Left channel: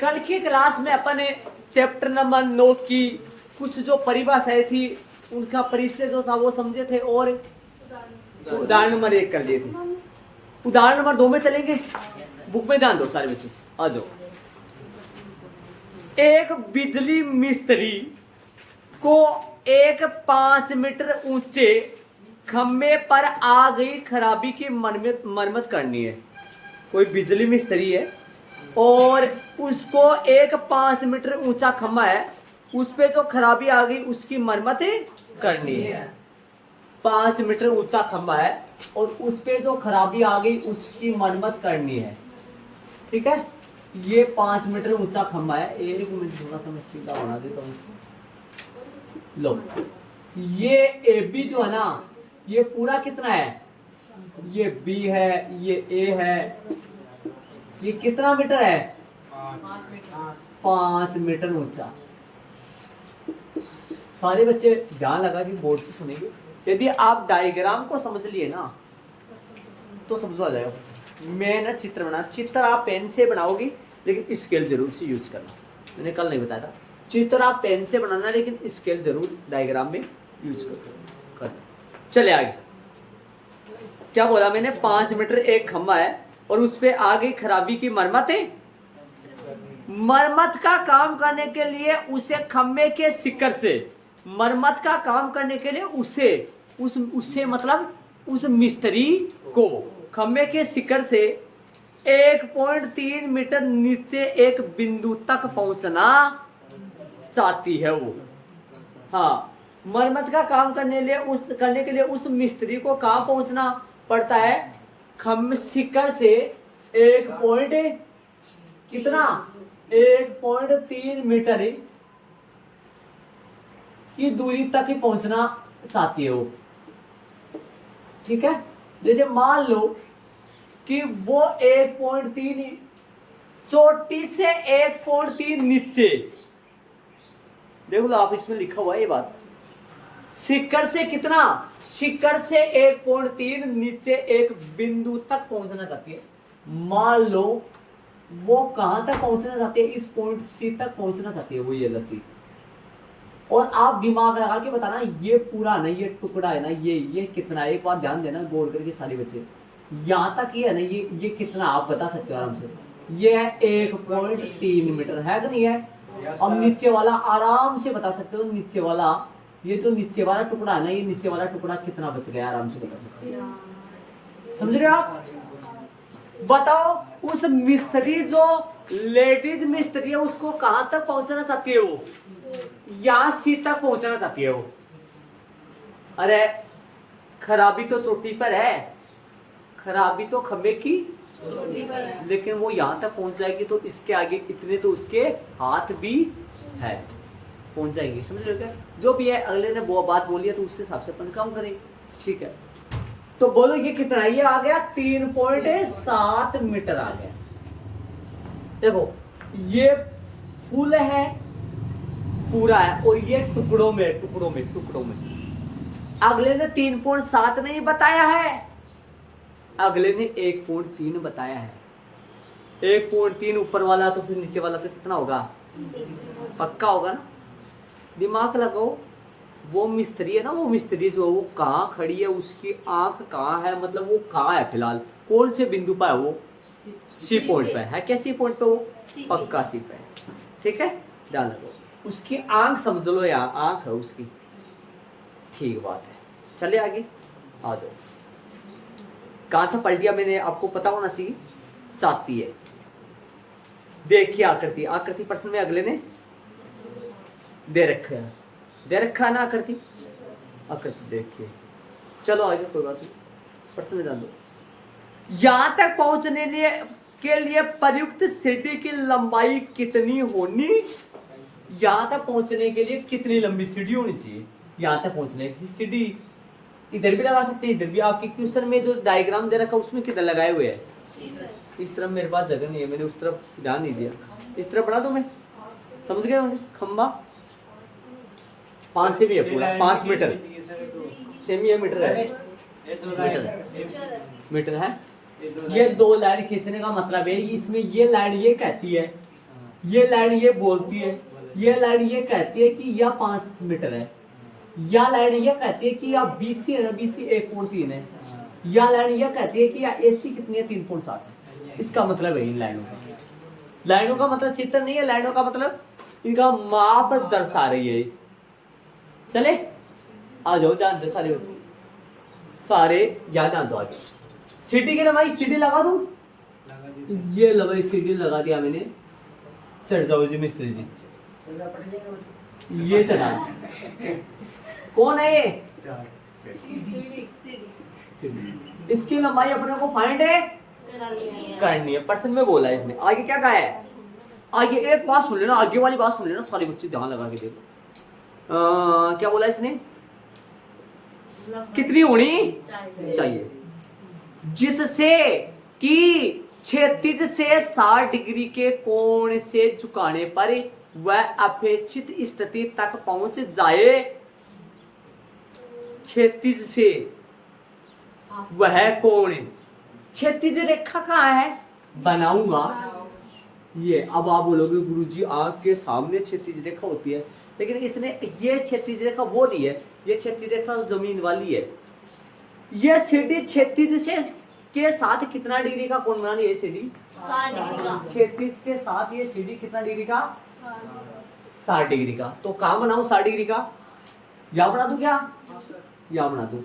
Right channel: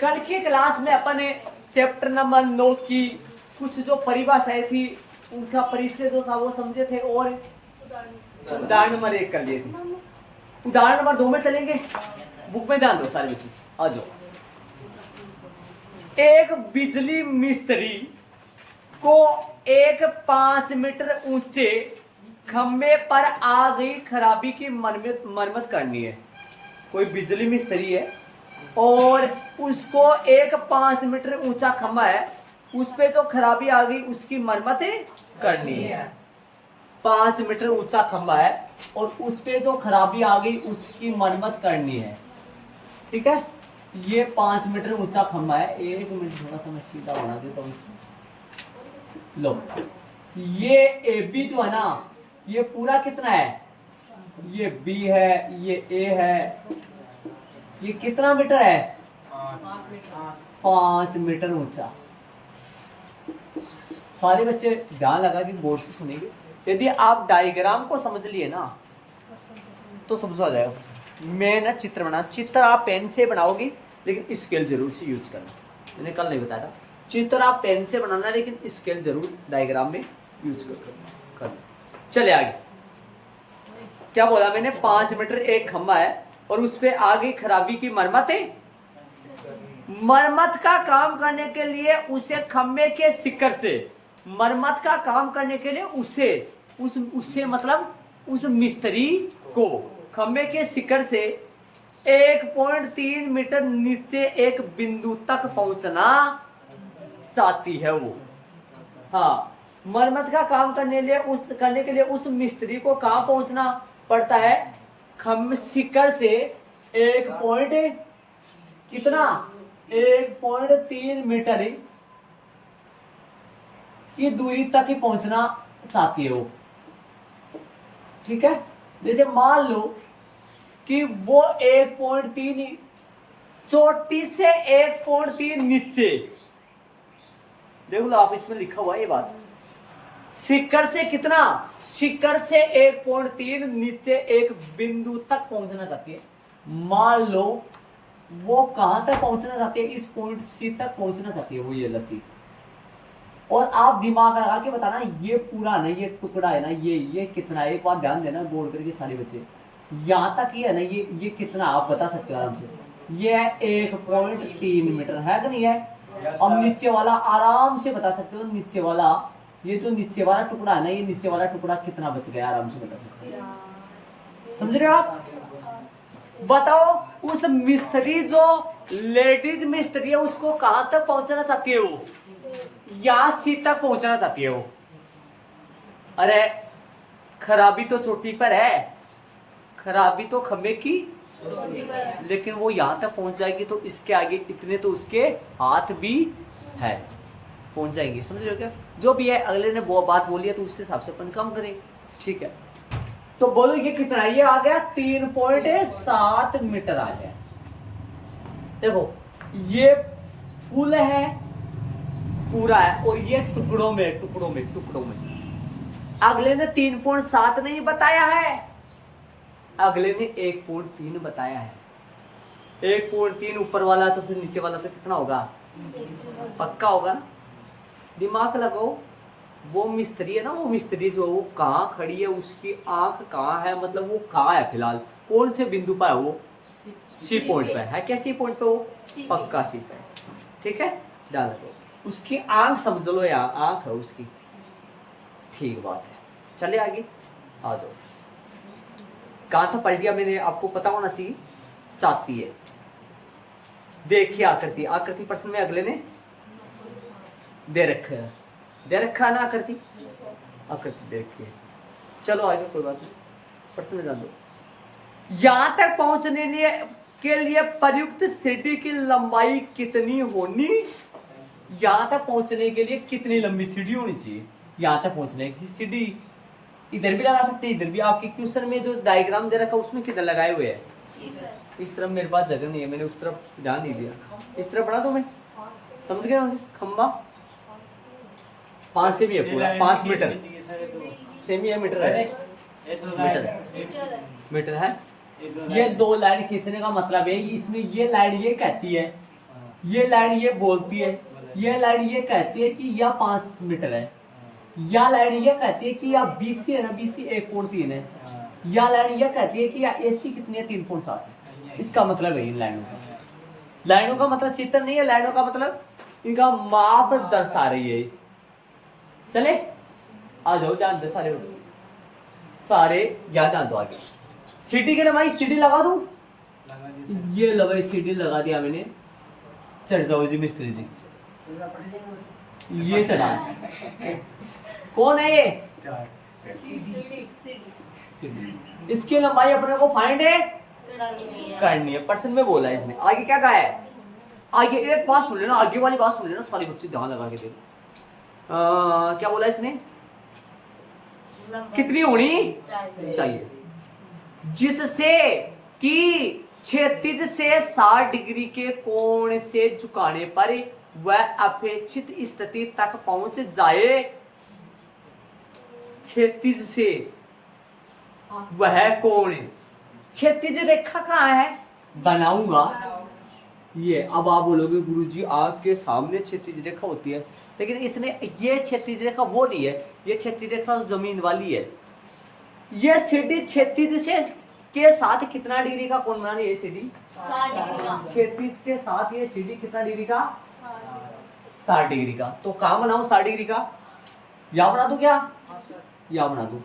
कल की क्लास में अपन ने चैप्टर नंबर 9 की कुछ जो परिभाषाएं थी उनका परिचय जो था वो समझे थे और उदाहरण नंबर 1 कर लिए थे। उदाहरण नंबर 2 में चलेंगे। बुक में ध्यान दो सारे बच्चे, आ जाओ। एक बिजली मिस्त्री को एक 5 मीटर ऊंचे खंभे पर आ गई खराबी की मरम्मत करनी है। कोई बिजली मिस्त्री है और उसको एक 5 मीटर ऊंचा खंभा है, उस पे जो खराबी आ गई उसकी मरम्मत करनी है। 5 मीटर ऊंचा खंभा है और उस पे जो खराबी आ गई उसकी मरम्मत करनी है। ठीक है, ये 5 मीटर ऊंचा खंभा है। एक मिनट थोड़ा सा मैं सीधा बना देता हूँ इसको। लो, ये ए बी जो है ना, ये पूरा कितना है? ये बी है, ये ए है, ये कितना मीटर है? 5 मीटर ऊंचा। सारे बच्चे ध्यान लगा कि बोर्ड से सुनेंगे। यदि आप डायग्राम को समझ लिए ना तो समझ आ जाएगा। मैं ना चित्र बना, चित्र आप पेन से बनाओगे लेकिन स्केल जरूर से यूज करना। मैंने कल नहीं बताया था, चित्र आप पेन से बनाना लेकिन स्केल जरूर डायग्राम में यूज करना। चले आगे। क्या बोला मैंने? 5 मीटर एक खंभा है और उस पे आगे खराबी की मरम्मत है। मरम्मत का काम करने के लिए उसे खंभे के शिखर से, मरम्मत का काम करने के लिए उससे मतलब उस मिस्त्री को खंभे के शिखर से 1.3 मीटर नीचे एक बिंदु तक पहुंचना चाहती है वो। हाँ, मरम्मत का काम करने के लिए उस मिस्त्री को कहां पहुंचना पड़ता है? खंभे शिखर से 1.3 मीटर की दूरी तक ही पहुंचना चाहती है वो। ठीक है, जैसे मान लो कि वो 1.3 चोटी से 1.3 नीचे, देख लो आप, इसमें लिखा हुआ है ये बात। शिखर से कितना? शिखर से 1.3 नीचे एक बिंदु तक पहुंचना चाहती है। मान लो वो कहां तक पहुंचना चाहती है? इस पॉइंट सी तक पहुंचना चाहती है वो, ये लसी। और आप दिमाग लगा के बताना, ये पूरा ना, ये टुकड़ा है ना, ये कितना है? एक बार ध्यान देना बोल करके सारे बच्चे, यहां तक ये है ना, ये कितना आप बता सकते हो आराम से? ये है 1.3 मीटर, है कि नहीं है? अब नीचे वाला आराम से बता सकते हो। नीचे वाला, ये जो नीचे वाला टुकड़ा है ना, ये नीचे वाला टुकड़ा कितना बच गया आराम से बता सकते हो। समझ रहे हो आप? बताओ, उस मिस्त्री जो लेडीज मिस्त्री है उसको कहां तक पहुंचना चाहती है वो? यहां सी तक पहुंचना चाहती है वो। अरे खराबी तो चोटी पर है, खराबी तो खंभे की, लेकिन वो यहां तक पहुंच जाएगी तो इसके आगे इतने तो उसके हाथ भी है, पहुंच जाएंगे। समझ रहे हो क्या? जो भी है, अगले ने वो बात बोली है तो उससे हिसाब से अपन काम करें। ठीक है, तो बोलो ये कितना है? ये आ गया 3.7 मीटर आ गया। देखो, ये फुल है, पूरा है, और ये टुकड़ों में। अगले ने 3.7 नहीं बताया है, अगले ने 1.3 बताया है। 1.3 ऊपर वाला तो फिर नीचे वाला तो कितना होगा? पक्का होगा ना? दिमाग लगाओ। वो मिस्त्री है ना, वो मिस्त्री जो वो कहाँ खड़ी है, उसकी आंख कहाँ है, मतलब वो कहाँ है फिलहाल, कौन से बिंदु पर है वो? सी पॉइंट पे है क्या? सी पॉइंट पे वो पक्का सी पे। ठीक है, ध्यान रखो। उसकी आंख समझ लो यार, आंख है उसकी। ठीक बात है, चले आगे आ जाओ। कहां से पढ़ लिया मैंने, आपको पता होना चाहिए। चाहती है, देखिए आकृति प्रश्न में अगले ने दे रखा है ना आकृति देखिए। चलो आगे, कोई बात नहीं, प्रश्न में जान दो। यहां तक पहुंचने के लिए प्रयुक्त सीढ़ी की लंबाई कितनी होनी? यहां तक पहुंचने के लिए कितनी लंबी सीढ़ी होनी चाहिए? यहां तक पहुंचने की सीढ़ी इधर भी लगा सकते हैं, इधर भी। आपके क्वेश्चन में जो डायग्राम दे रखा है उसमें किधर लगाए हुए हैं? इस तरफ मेरे पास जगह नहीं है, मैंने उस तरफ ध्यान नहीं दिया। इस तरफ बना दो, मैं समझ गया होंगे। खंबा 5 से भी है, पूरा 5 मीटर सेमी है, मीटर है, मीटर है। ये 2 लाइन खींचने का मतलब है, इसमें ये लाइन ये कहती है ये लाइन ये बोलती है, ये लाइन ये कहती है कि यह 5 मीटर है, या लाइन ये कहती है कि यह BC है ना, BC 1.3 है, या लाइन ये कहती है कि यह AC कितनी है 3.7 है। इसका मतलब है इन लाइनों का, लाइनों का मतलब चित्र नहीं है, लाइनों का मतलब इनका माप दर्शा रही है। चले आ जाओ, ध्यान दे सारे बच्चों, सारे ध्यान दो। आगे सीटी के लिए भाई सीटी लगा दूं, ये लो भाई सीटी लगा दिया मैंने। चढ़ जाओ जी मिस्त्री जी, ये चढ़ा। कौन है ये? इसकी लंबाई अपने को फाइंड है करनी है, परसेंट में बोला है इसने। आगे क्या कहा है? आगे एक बात सुन लेना, आगे वाली बात सुन लेना सारे बच्चे, ध्यान लगा के देखो। क्या बोला इसने? कितनी होनी चाहिए जिससे कि क्षैतिज से 60 डिग्री के कोण से झुकाने पर वह अपेक्षित स्थिति तक पहुंच जाए। क्षैतिज से वह कोण, क्षैतिज रेखा कहाँ है? बनाऊंगा ये। अब आप बोलोगे गुरुजी आंख के सामने क्षैतिज रेखा होती है, लेकिन इसने ये क्षैतिज रेखा वो नहीं है, ये क्षैतिज रेखा जमीन वाली है। ये सीधी क्षैतिज से के साथ कितना डिग्री का कोण बना रही है? सीधी क्षैतिज के साथ ये सीधी कितना डिग्री का? 60 डिग्री का। तो कहाँ बनाऊं 60 डिग्री का? या बना दूं क्या? या बना दूं।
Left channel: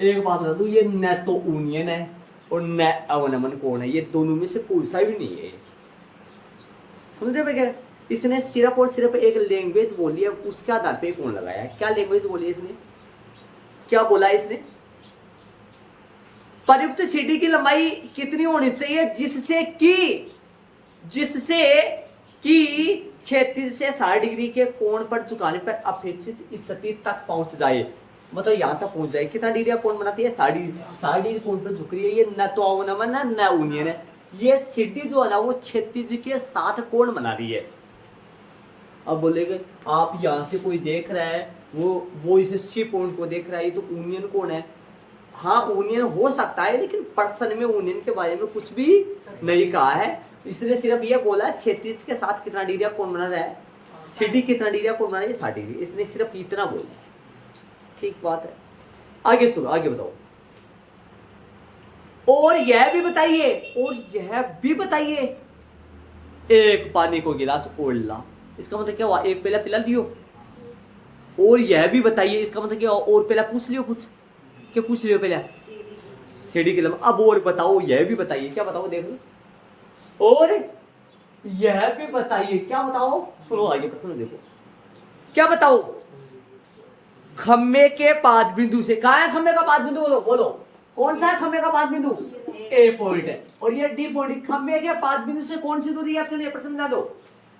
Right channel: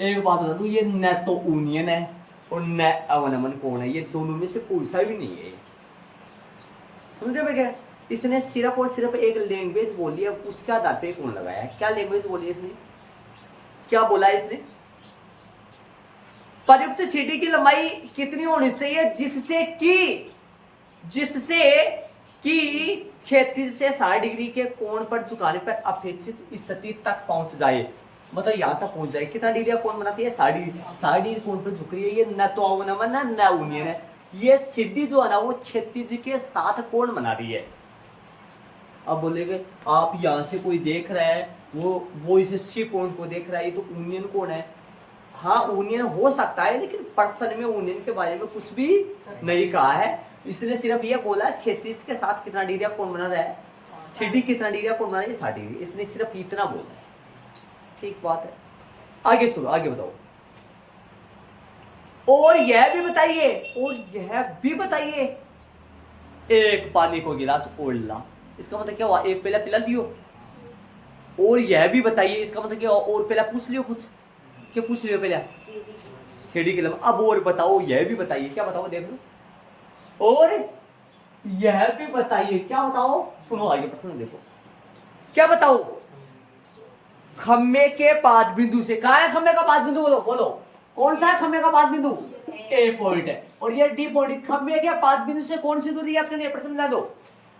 एक बात बता दूं, ये न तो यूनियन है और न अवनमन कोण है, ये दोनों में से कोई सा भी नहीं है। समझे भैया? इसने सिर्फ और सिर्फ एक लैंग्वेज बोली है, उसके आधार पे कोण लगाया है। क्या लैंग्वेज बोली है इसने? क्या बोला है इसने? प्रयुक्त सीडी की लंबाई कितनी होनी चाहिए जिससे कि क्षैतिज से 60 डिग्री के कोण पर झुकाने पर अपेक्षित स्थिति तक पहुंच जाए। मतलब यहां तक पहुंच जाए। कितना डिग्री का कोण बनाती है? 60 डिग्री कोण पर झुक रही है। ये न तो अवनमन है न यूनियन है। ये सीडी जो है ना वो क्षैतिज के साथ कोण बना रही है। अब बोलेगे आप यहाँ से कोई देख रहा है, वो इस सी पॉइंट को देख रहा है, ये तो यूनियन कोण है। हाँ यूनियन हो सकता है, लेकिन पर्सन में यूनियन के बारे में कुछ भी नहीं कहा है। इसने सिर्फ ये बोला क्षैतिज के साथ कितना डिग्री का कोण बना रहा है, सीडी कितना डिग्री का कोण बना रहा है, 60 डिग्री। इसने सिर्फ इतना बोला है। ठीक बात है। आगे सुनो, आगे बताओ। और यह भी बताइए, एक पानी को गिलास ओढ़ला, इसका मतलब क्या हुआ? एक पहला पिला लियो। और यह भी बताइए, इसका मतलब क्या हुआ? और पहला पूछ लियो कुछ, क्या पूछ लियो पहला? सीढ़ी के लंबा। अब और बताओ, यह भी बताइए। क्या बताओ? देख लो। और यह भी बताइए, क्या बताओ? सुनो आगे प्रश्न देखो। क्या बताओ? खम्बे के पाद बिंदु से, कहा है खम्बे का पाद बिंदु? बोलो कौन सा है खम्बे का पाद बिंदु? ए पॉइंट है और ये डी पॉइंट। खम्बे के पाद बिंदु से कौन सी दूरी याद करनी है? प्रश्न बता दो।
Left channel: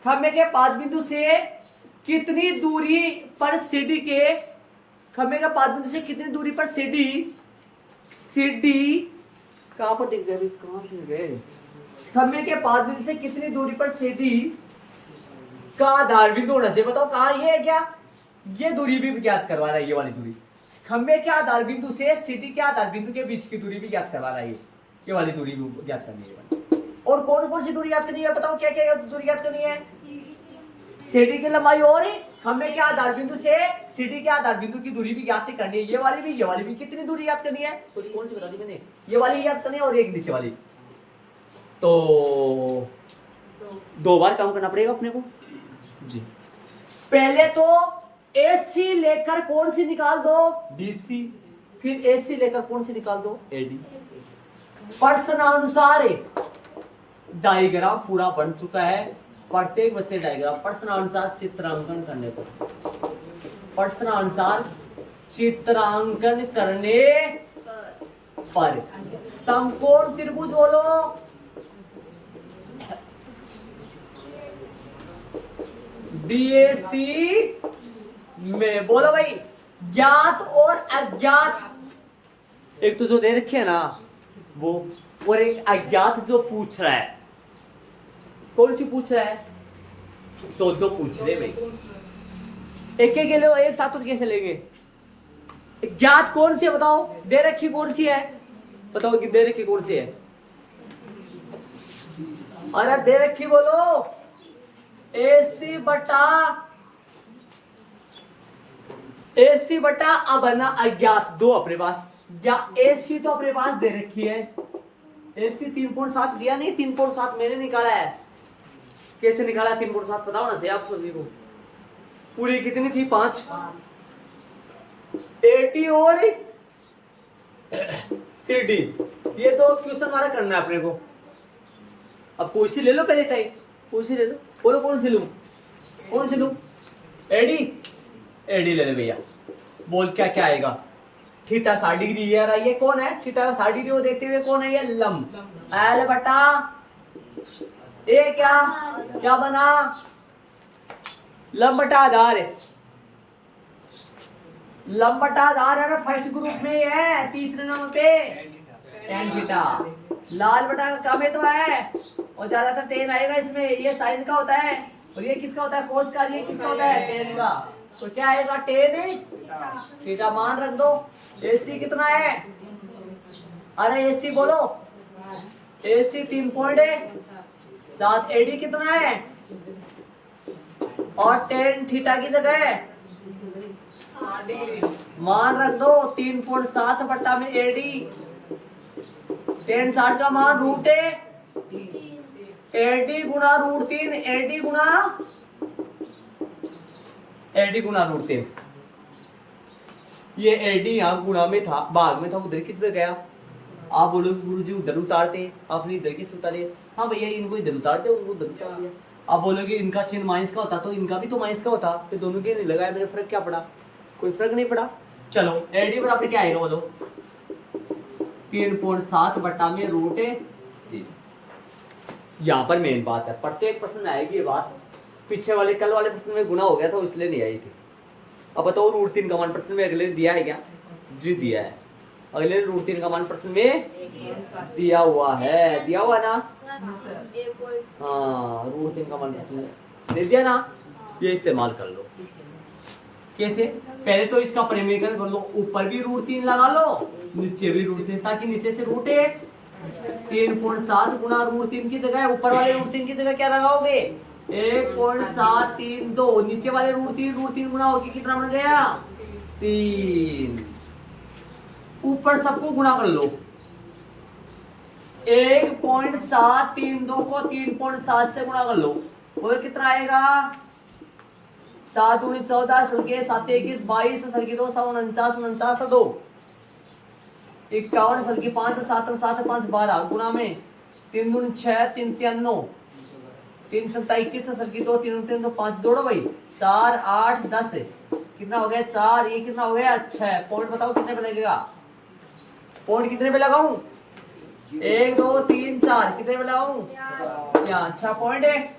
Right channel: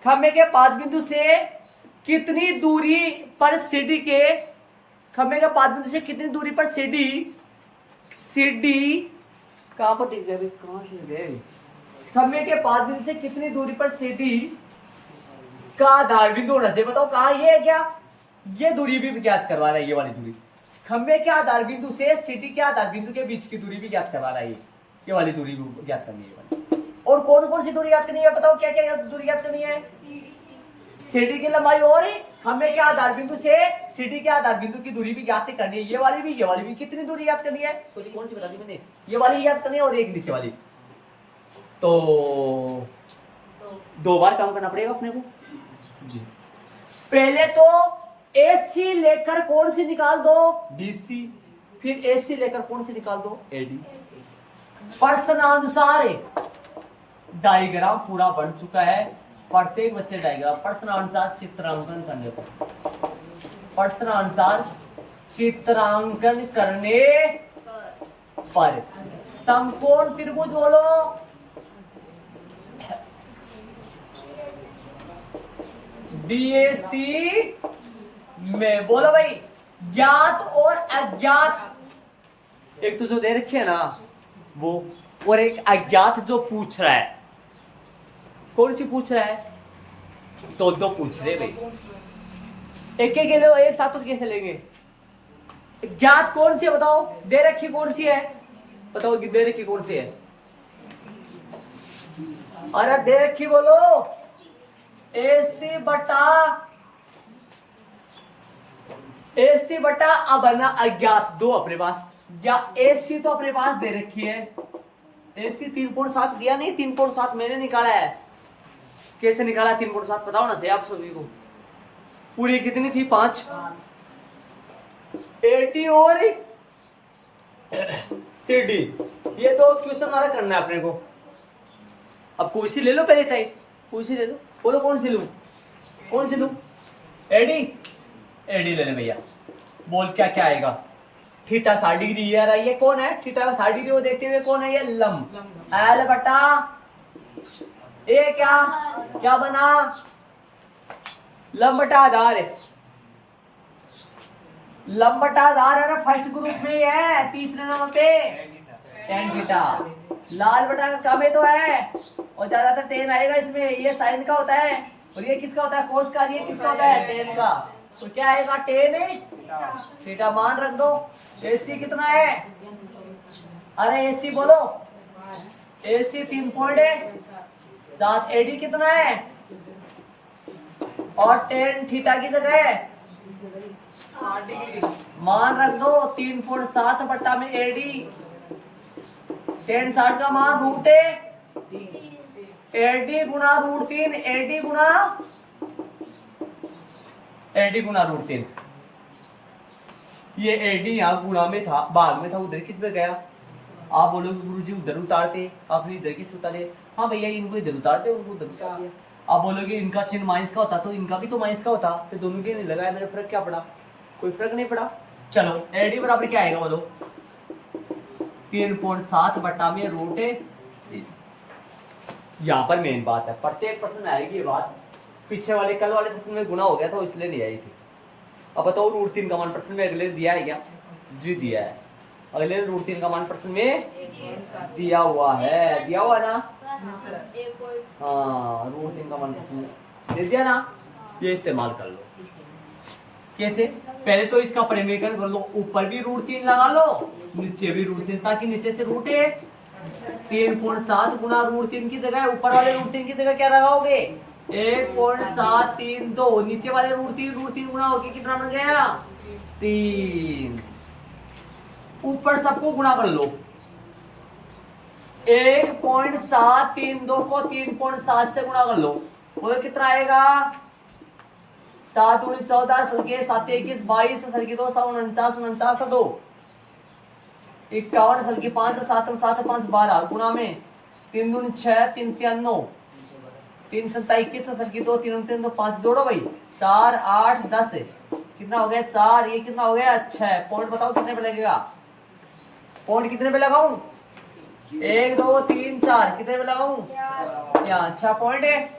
खम्बे के पाद बिंदु से कितनी दूरी पर सीडी के, खम्बे के पाद बिंदु से कितनी दूरी पर सीडी कहां पर दिख रहा है? कहां से गए? खम्बे के पाद बिंदु से कितनी दूरी पर सीडी का आधार बिंदु होना चाहिए? बताओ कहां? ये है क्या? ये दूरी भी ज्ञात करवा रहा है, ये वाली दूरी। खंबे के आधार बिंदु से सीटी के आधार बिंदु के बीच की दूरी भी ज्ञात करवा रहा है, ये वाली दूरी भी ज्ञात करनी है। और कौन कौन सी दूरी याद करनी है? बताओ क्या क्या दूरी याद करनी है? सीडी की लंबाई और खंबे के आधार बिंदु से सीडी के आधार बिंदु की दूरी भी ज्ञात करनी है। ये वाली भी कितनी दूरी याद करनी है? सोची कौन सी बता दी मैंने? ये वाली याद करनी है और एक नीचे वाली। तो 2 बार काम करना पड़ेगा अपने को जी। पहले तो AC लेकर कौन सी निकाल दो? DC। फिर AC लेकर कौन सी निकाल दो? AD। प्रश्नानुसार डायग्राम पूरा बन चुका है। प्रत्येक बच्चे डायग्राम प्रश्नानुसार चित्रांकन करने पर, प्रश्नानुसार चित्रांकन करने पर समकोण त्रिभुज बोलो। BAC में बोलो भाई, ज्ञात और अज्ञात, एक तो जो दे रखी है ना वो, और एक अज्ञात जो पूछ रहा है। कौन सी पूछ रहा है? दो पूछ रहे भाई, एक के लिए एक साथ तो कैसे लेंगे? ज्ञात कौन सी है बताओ? दे रखी कौन सी है बताओ? कि दे रखी कौन सी है? अरे दे रखी बोलो। AC बटा अब बना अज्ञात दो अपने पास, या AC तो अपने पास दे रखी है, AC 3.7 दिया नहीं, 3.7 मैंने निकाला है। कैसे निकाला 3.7 बताओ ना से आप सभी को। पूरी कितनी थी 5 80 और CD, ये दो क्वेश्चन हमारा करना है अपने को। अब कोई सी ले लो पहले साइड, कोई सी ले लो, बोलो कौन सी लूं, कौन सी लूं? एडी, एडी ले ले भैया। बोल क्या क्या आएगा? थीटा 60 डिग्री ये रहा, ये कौन है? थीटा 60 डिग्री को देखते हुए कौन है ये? लंब। एल बटा ए क्या क्या बना? लंब बटा आधार है, लंब बटा आधार है ना, फर्स्ट ग्रुप में ये है, तीसरे नंबर पे टेन थीटा। लाल बटा का कम है तो है, और ज्यादातर टेन आएगा इसमें। ये साइन का होता है और ये किसका होता है? कोस का। ये किसका होता है? टेन का। तो क्या आएगा? टेन है थीटा मान रख दो। AC कितना है? अरे AC बोलो, AC 3.7। AD कितना है? और टेन थीटा की जगह मान रख दो 3.7 बट्टा में AD। टेन 60 का मान रूट है, AD गुना रूट 3, AD गुना रूट 3। ये AD यहाँ गुना में था, भाग में था, उधर किस पे गया? आप बोलोगे गुरुजी उधर उतारते, आपने इधर किस उतारे? हाँ भैया इनको इधर उतारते, उनको उधर उतार दिया। आप बोलोगे इनका चिन्ह माइनस का होता तो इनका भी तो माइनस का होता, तो दोनों के नहीं लगाया, मेरे फर्क क्या पड़ा? कोई फर्क नहीं पड़ा। चलो AD बराबर क्या आएगा बोलो? 3.7 बट्टा में रूट है। यहाँ पर मेन बात है, प्रत्येक प्रश्न में आएगी ये बात। पीछे वाले कल वाले प्रश्न में गुना हो गया था इसलिए नहीं आई थी। अब बताओ रूट 3 का मान प्रश्न में अगले दिया है क्या? जी दिया है। अगले रूट 3 का मान प्रश्न में दिया हुआ है, दिया हुआ ना? हाँ रूट 3 का मान प्रश्न में दे दिया ना। ये इस्तेमाल कर लो। कैसे? पहले तो इसका परिमीकरण कर लो, ऊपर भी रूट 3 लगा लो, नीचे भी रूट 3, ताकि नीचे से रूट है 3.7 गुना रूट 3 की जगह ऊपर वाले रूट 3 की जगह क्या लगाओगे? 1.732। नीचे वाले रूट 3 गुना होके कितना बन गया? 3। ऊपर सबको गुणा कर लो। 1.732 को 3.7 से गुणा कर लो, बोलो कितना आएगा? 7 दूनी 14, सलके 7 21 22, सलके 2 49 49 2 51, सलके 5 7 7 5 12 गुना में 3 दूनी 6 3 3 9 3 7 21, सलके 2 3 3 2 5 जोड़ो भाई 4 8 10 कितना हो गया? 4। ये कितना हो गया? 6। पॉइंट बताओ कितने पे लगेगा? पॉइंट कितने पे लगाऊं? 1 2 3 4 कितने पे लगाऊं? यहाँ 6 पॉइंट है।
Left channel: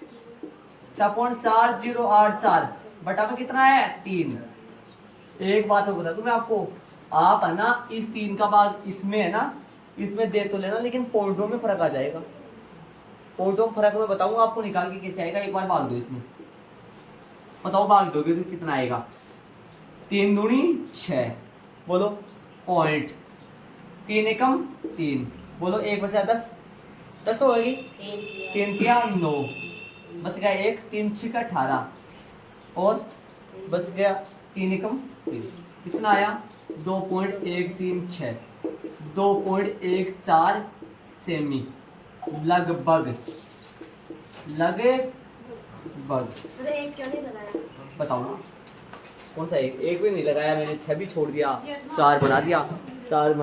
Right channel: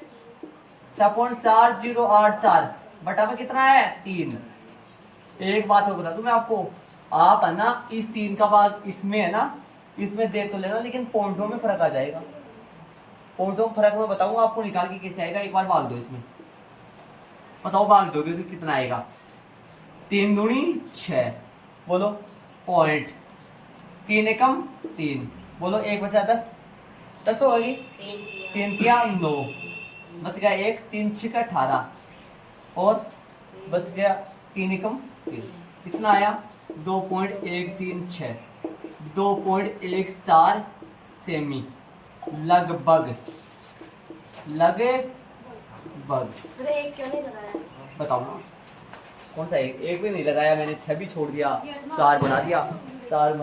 6.4084 बटा में कितना है? 3। एक बात होगा तुम्हें आपको, आप है ना इस 3 का भाग इसमें है ना, इसमें दे तो लेना, लेकिन पॉइंटों में फर्क आ जाएगा। पॉइंटों में फर्क मैं बताऊंगा आपको, निकाल के कैसे आएगा। एक बार भाग दो इसमें, बताओ भाग दोगे तो कितना आएगा? 3 दूनी 6, बोलो पॉइंट। 3 एकम 3, बोलो 1 बचा 10, 10 होगी। 3 तिया 9, बच गया 1, 3 6 18 और बच गया 3 एकम 3। कितना आया? 2.136, 2.14 सेमी, लगभग सर एक क्यों नहीं लगाया? बताओ ना कौन सा? एक भी नहीं लगाया मैंने, 6 भी छोड़ दिया, 4 बना दिया, 4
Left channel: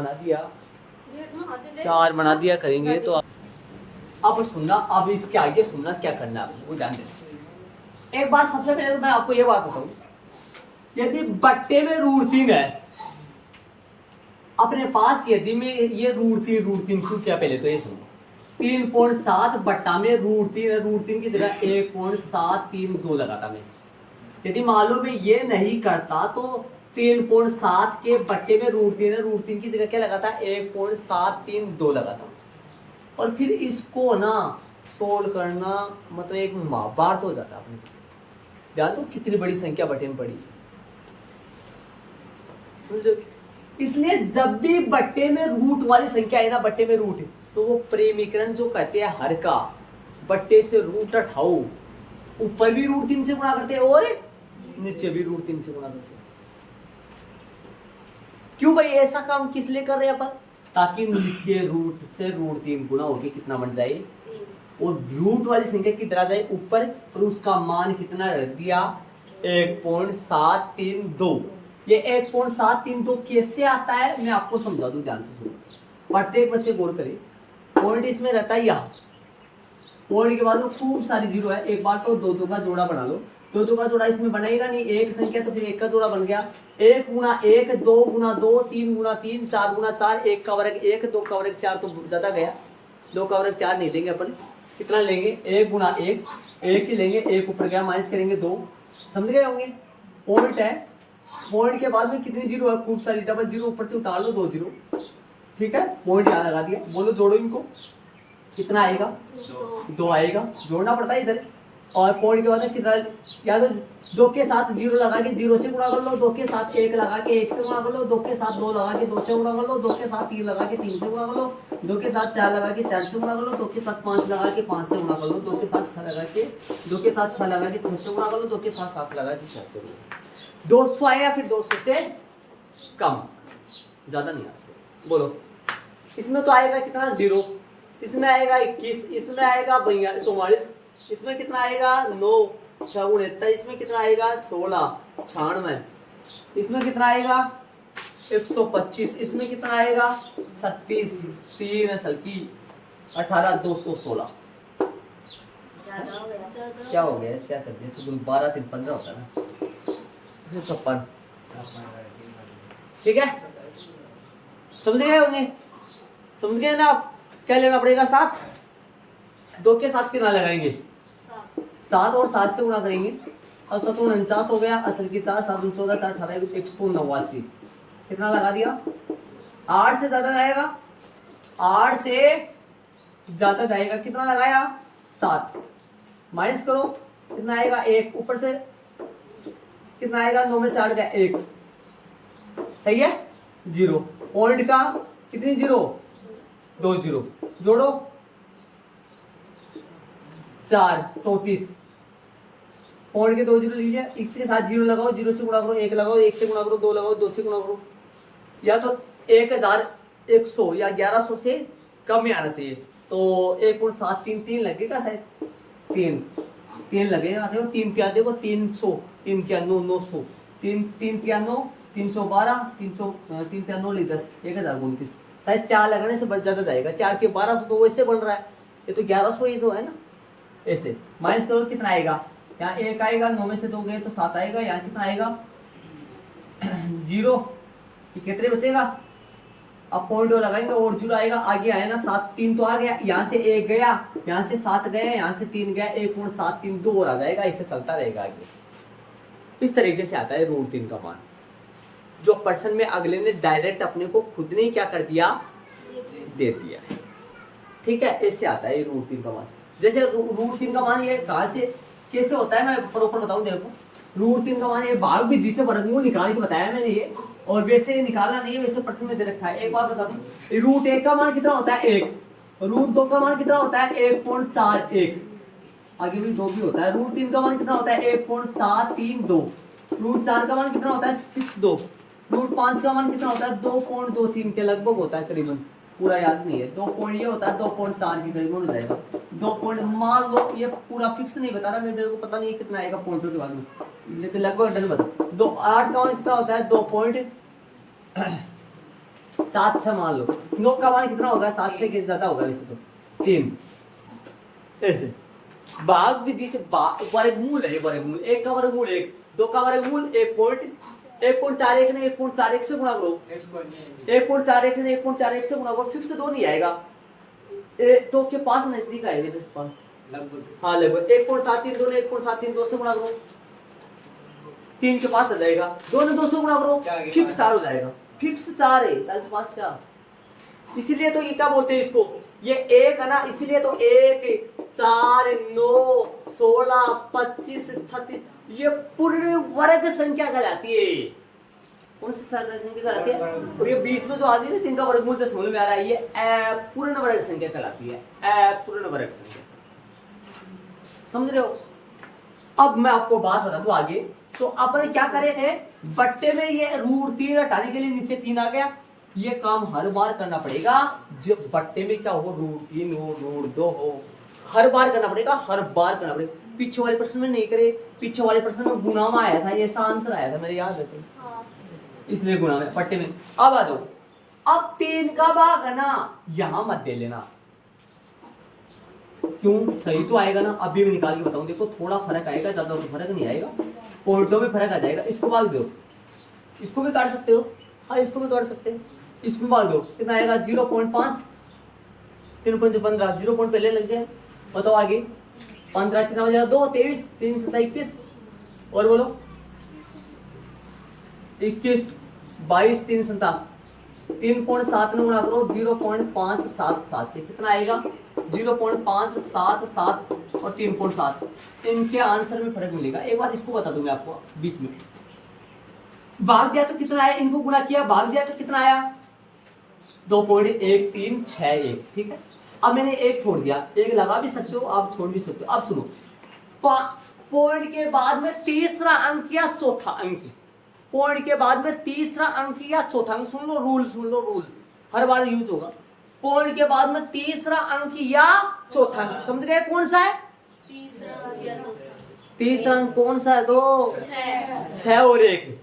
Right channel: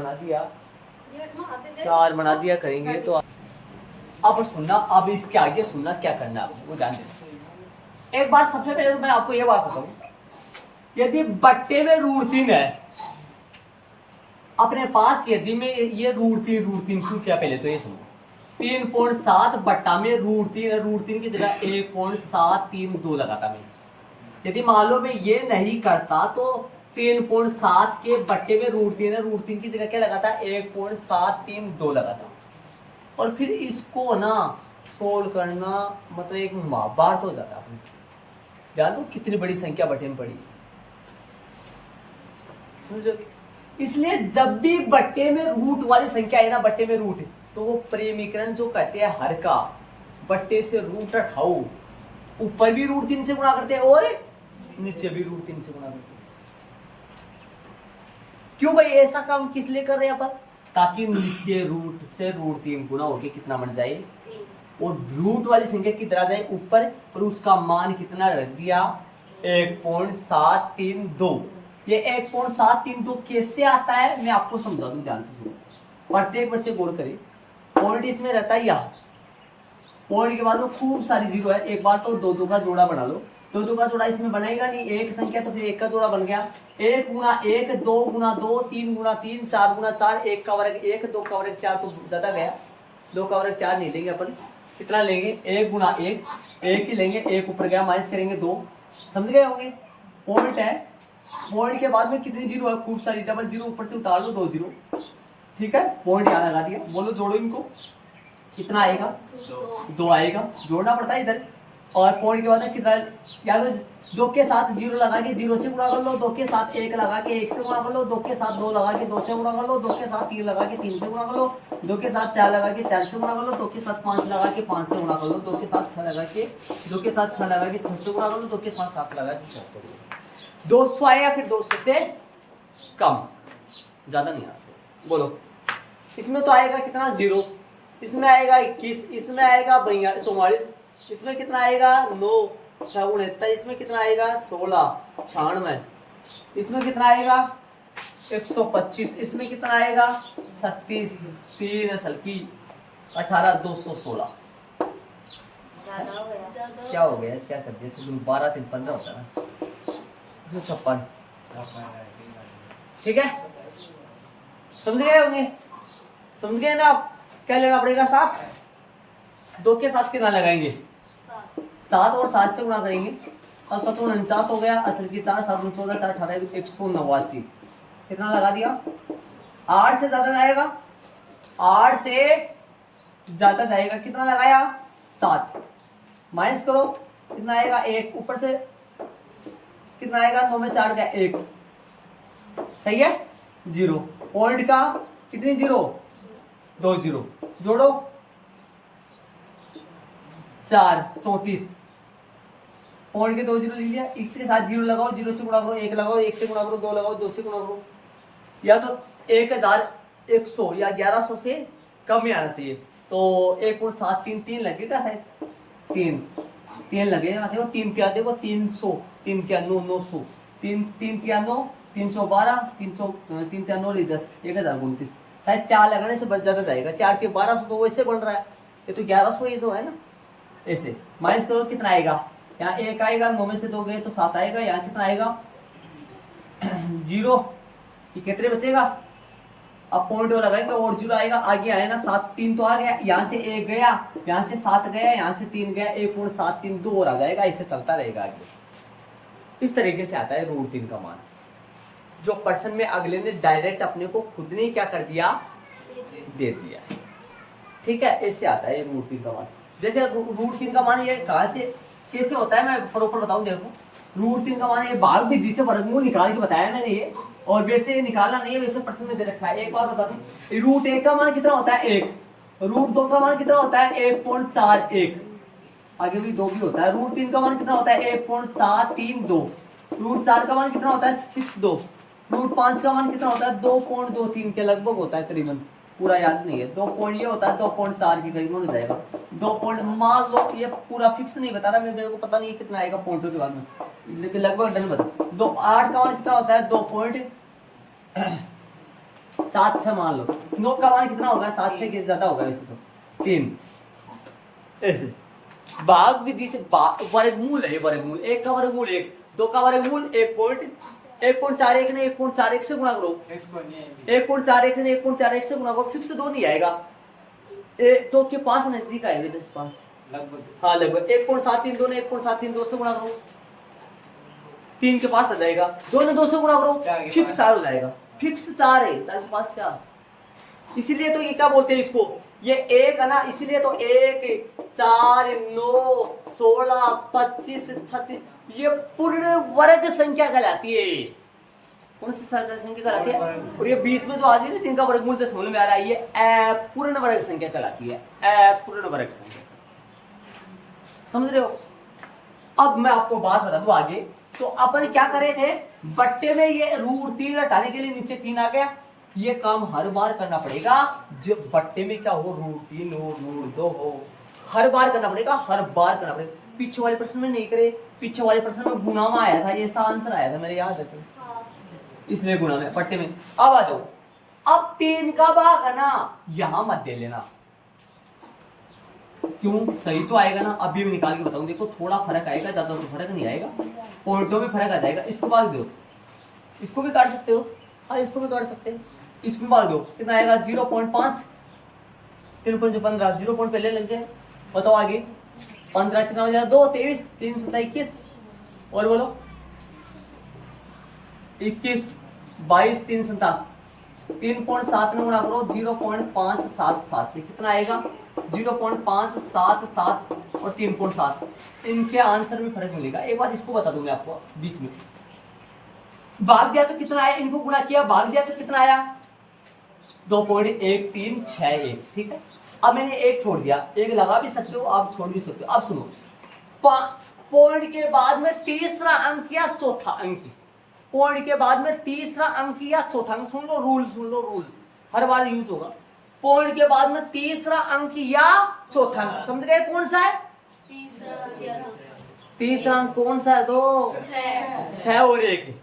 बना दिया करेंगे तो। अब सुनना, अब इसके आगे सुनना क्या करना है आपको, ध्यान देना। एक बार सबसे पहले मैं आपको ये बात बताऊं, यदि बट्टे में रूट 3 है अपने पास, यदि में ये रूट 3 क्यों क्या? पहले तो ये सुनो, 3.7 बट्टा में रूट 3 है, रूट 3 की जगह 1.732 लगाता मैं। यदि मान लो मैं ये नहीं करता तो 3.7 के बट्टे में रूट 3 है, रूट 3 की जगह क्या लगाता? 1.732 लगाता। और फिर इसको ना सोल्व करना मतलब एक महाभारत हो जाता है। ध्यान दो कितनी बड़ी संख्या बट्टे में पड़ी, समझो। इसलिए जब भी बट्टे में रूट वाली संख्या है ना, बट्टे में रूट है, तो वो प्रेमीकरण जो कहते हैं हर का, बट्टे से रूट हटाओ, ऊपर भी √3 से गुणा करते हैं और नीचे भी √3 से गुणा करते हैं। क्यों भाई ऐसा काम किस लिए कर रहे हैं अपन? ताकि नीचे रूट से √3 गुणा होके कितना बन जाए और रूट वाली संख्या कितना जाए ऊपर, और उसका मान कितना रख दिया 1.732। ये 1.732 कैसे आता है मैं आपको समझा दूं, ध्यान से सुनो, प्रत्येक बच्चे गौर करें। पॉइंट इसमें रहता है यहाँ, पॉइंट के बाद में खूब सारी जीरो है। एक बार तो 2 का जोड़ा बना लो, 2 का जोड़ा इसमें बनेगा नहीं, एक संख्या तो फिर 1 का जोड़ा बन गया। 1 गुणा 1, 2 गुणा 2, 3 गुणा 3, 4 गुणा 4, 1 का वर्ग 1, 2 का वर्ग 4 तो ज्यादा गया, 2 का वर्ग 4 नहीं लेंगे अपन, कितना लेंगे 1 गुणा 1, 1 ही लेंगे, 1 ऊपर गया माइनस करेंगे 2, समझ गए होंगे। पॉइंट है, पॉइंट के बाद में कितनी जीरो है, खूब सारी, डबल जीरो ऊपर से उतार लो 2 जीरो, ठीक है। पॉइंट यहाँ लगा दिया, बोलो जोड़ो इनको, कितना आएगा 2 आएगा, जोड़ना पड़ता है इधर। और पॉइंट के बाद में कितना, या तो 2 के साथ 0 लगा के 0 से गुणा कर लो, 2 के साथ 1 लगा के 1 से गुणा कर लो, 2 के साथ 2 लगा के 2 से गुणा कर लो, 2 के साथ 3 लगा के 3 से गुणा कर लो, 2 के साथ 4 लगा के 4 से गुणा कर लो, 2 के साथ 5 लगा के 5 से गुणा कर लो, 2 के साथ 6 लगा के 2 के साथ 6 लगा के 6 से गुणा कर लो, 2 के साथ 7 लगा के 6 से गुणा। 200 आया, फिर 200 से कम, ज्यादा नहीं आता। बोलो इसमें तो आएगा कितना 0, इसमें आएगा 21, इसमें आएगा 44, इसमें कितना आएगा 9, 6 गुणे 69, इसमें कितना आएगा 16, 96, इसमें कितना आएगा 125, इसमें कितना आएगा 36, 3 असल की 18, 216। ज्यादा हो गया। क्या हो गया, क्या कर दिया, 12 3 15 होता है ना, 256, ठीक है। समझ गए होंगे, समझ गए ना आप। क्या लेना पड़ेगा 7, 2 के साथ कितना लगाएंगे 7 और 7 से गुणा करेंगे, और 7 49 हो गया, असल की 4, 7 14, 4 18, 189, कितना लगा दिया। 8 से ज्यादा जाएगा, 8 से ज्यादा जाएगा, कितना लगाया 7, माइनस करो कितना आएगा 1, ऊपर से कितना आएगा 9 में से 8 गया 1, सही है 0। पॉइंट का कितनी 0, 2 0, जोड़ो 4 34, पॉइंट के 2 0 लीजिए, इसके साथ 0 लगाओ, 0 से गुणा करो, 1 लगाओ, 1 से गुणा करो, 2 लगाओ, 2 से गुणा करो, या तो 1100 या 1100 से कम ही आना चाहिए, तो 1.733 लगेगा शायद, 3 लगेगा, देखो 3 क्या, देखो 300, 3 क्या 9 900, 3 क्या 9, 312, 3 क्या 9 10, 1029, शायद 4 लगाने से बच ज्यादा जाएगा, 4 के 1200 तो वैसे बन रहा है, ये तो 1100 ही तो है ना। ऐसे माइनस करो कितना आएगा, यहाँ 1 आएगा, 9 में से 2 गए तो 7 आएगा, यहाँ कितना आएगा 0, ये कितने बचेगा, अब पॉइंट लगाएंगे और 0 आएगा, आगे आया ना 7 3 तो आ गया, यहाँ से 1 गया, यहाँ से 7 गया, यहाँ से 3 गया, 1.732 और आ जाएगा, ऐसे चलता रहेगा आगे। इस तरीके से आता है √3 का मान, जो पर्सन में अगले ने डायरेक्ट अपने को खुद ने क्या कर दिया, दे दिया, ठीक है। इससे आता है √3 का मान। जैसे √3 का मान ये कहाँ से कैसे होता है, मैं प्रॉपर बताऊं, देखो √3 का मान ये भाग विधि से वर्गमूल निकाल के बताया मैंने ये, और वैसे निकालना नहीं है, वैसे प्रश्न में दे रखा है। एक बार बता दूं, √1 का मान कितना होता है 1, √2 का मान कितना होता है 1.41, आगे भी 2 भी होता है। √3 का मान कितना होता है 1.732, √4 का मान कितना होता है फिक्स 2, √5 का मान कितना होता है 2.23 के लगभग होता है, करीबन पूरा याद नहीं है, 2 पॉइंट ये होता है 2.4 के करीब हो जाएगा, 2 पॉइंट मान लो, ये पूरा फिक्स नहीं बता रहा मैं, मेरे को पता नहीं है कितना आएगा पॉइंटों के बाद में, लेकिन लगभग डन बता। 8 का मान कितना होता है 2.76 मान लो, 9 का मान कितना होगा 7 से ज्यादा होगा वैसे तो 3, ऐसे भाग विधि से वर्गमूल है, वर्गमूल 1 का वर्गमूल 1, 2 का वर्गमूल 1.41 ने 1.41 से गुणा करो, 1.41 ने 1.41 से गुणा करो, फिक्स 2 नहीं आएगा, 2 के पास नजदीक आएगा, 10 पास लगभग, हाँ लगभग 1.732 ने 1.732 से गुणा करो, 3 के पास आ जाएगा, 2 ने 2 से गुणा करो, फिक्स 4 हो जाएगा, फिक्स 4 है, 4 के पास क्या, इसीलिए तो ये क्या बोलते हैं इसको, ये 1 है ना, इसीलिए तो 1 4 9 16 25 36 ये पूर्ण वर्ग संख्या कहलाती है, कौन सी संख्या कहलाती है, और ये 20 में जो आ गई ना जिनका वर्गमूल 10 में आ रहा है, ये अपूर्ण वर्ग संख्या कहलाती है, अपूर्ण वर्ग संख्या, समझ रहे हो। अब मैं आपको बात बता दूं आगे। तो अपन क्या कर रहे थे, बट्टे में ये √3 हटाने के लिए नीचे 3 आ गया। ये काम हर बार करना पड़ेगा, जब बट्टे में क्या हो √3 हो √2 हो, हर बार करना पड़ेगा, हर बार करना पड़ेगा। पीछे वाले प्रश्न में नहीं करे, पीछे वाले प्रश्न में गुणा में आया था, ये ऐसा आंसर आया था मेरे याद रखे, इसलिए गुणा में बट्टे में। अब आ जाओ, अब 3 का भाग है ना, यहां मत दे लेना, क्यों, सही तो आएगा ना। अभी मैं निकाल के बताऊं, देखो थोड़ा फर्क आएगा, ज्यादा तो फर्क नहीं आएगा, पॉइंटों में फर्क आ जाएगा। इसको भाग दो, इसको भी काट सकते हो, हाँ इसको भी काट सकते हो, इसमें भाग दो, कितना आएगा 0.5, 3 5 15, 0 पॉइंट पहले लग जाए। बताओ आगे, 15 कितना हो जाएगा, 2 23, 3 7 21, और बोलो 21 22 3 7, 3.7 में गुणा करो 0.577 से, कितना आएगा 0.577 और 3.7। इनके आंसर में फर्क मिलेगा। एक बार इसको बता दूंगा आपको बीच में, भाग दिया तो कितना आया, इनको गुणा किया भाग दिया तो कितना आया 2.1361, ठीक है। अब मैंने एक छोड़ दिया, एक लगा भी सकते हो आप, छोड़ भी सकते हो। अब सुनो, पॉइंट के बाद में तीसरा अंक या चौथा अंक, पॉइंट के बाद में तीसरा अंक या चौथा अंक, सुन लो रूल, हर बार यूज होगा। पॉइंट के बाद में तीसरा अंक या चौथा अंक, समझ गए कौन सा है, तीसरा अंक कौन सा है, 2 6 और 1।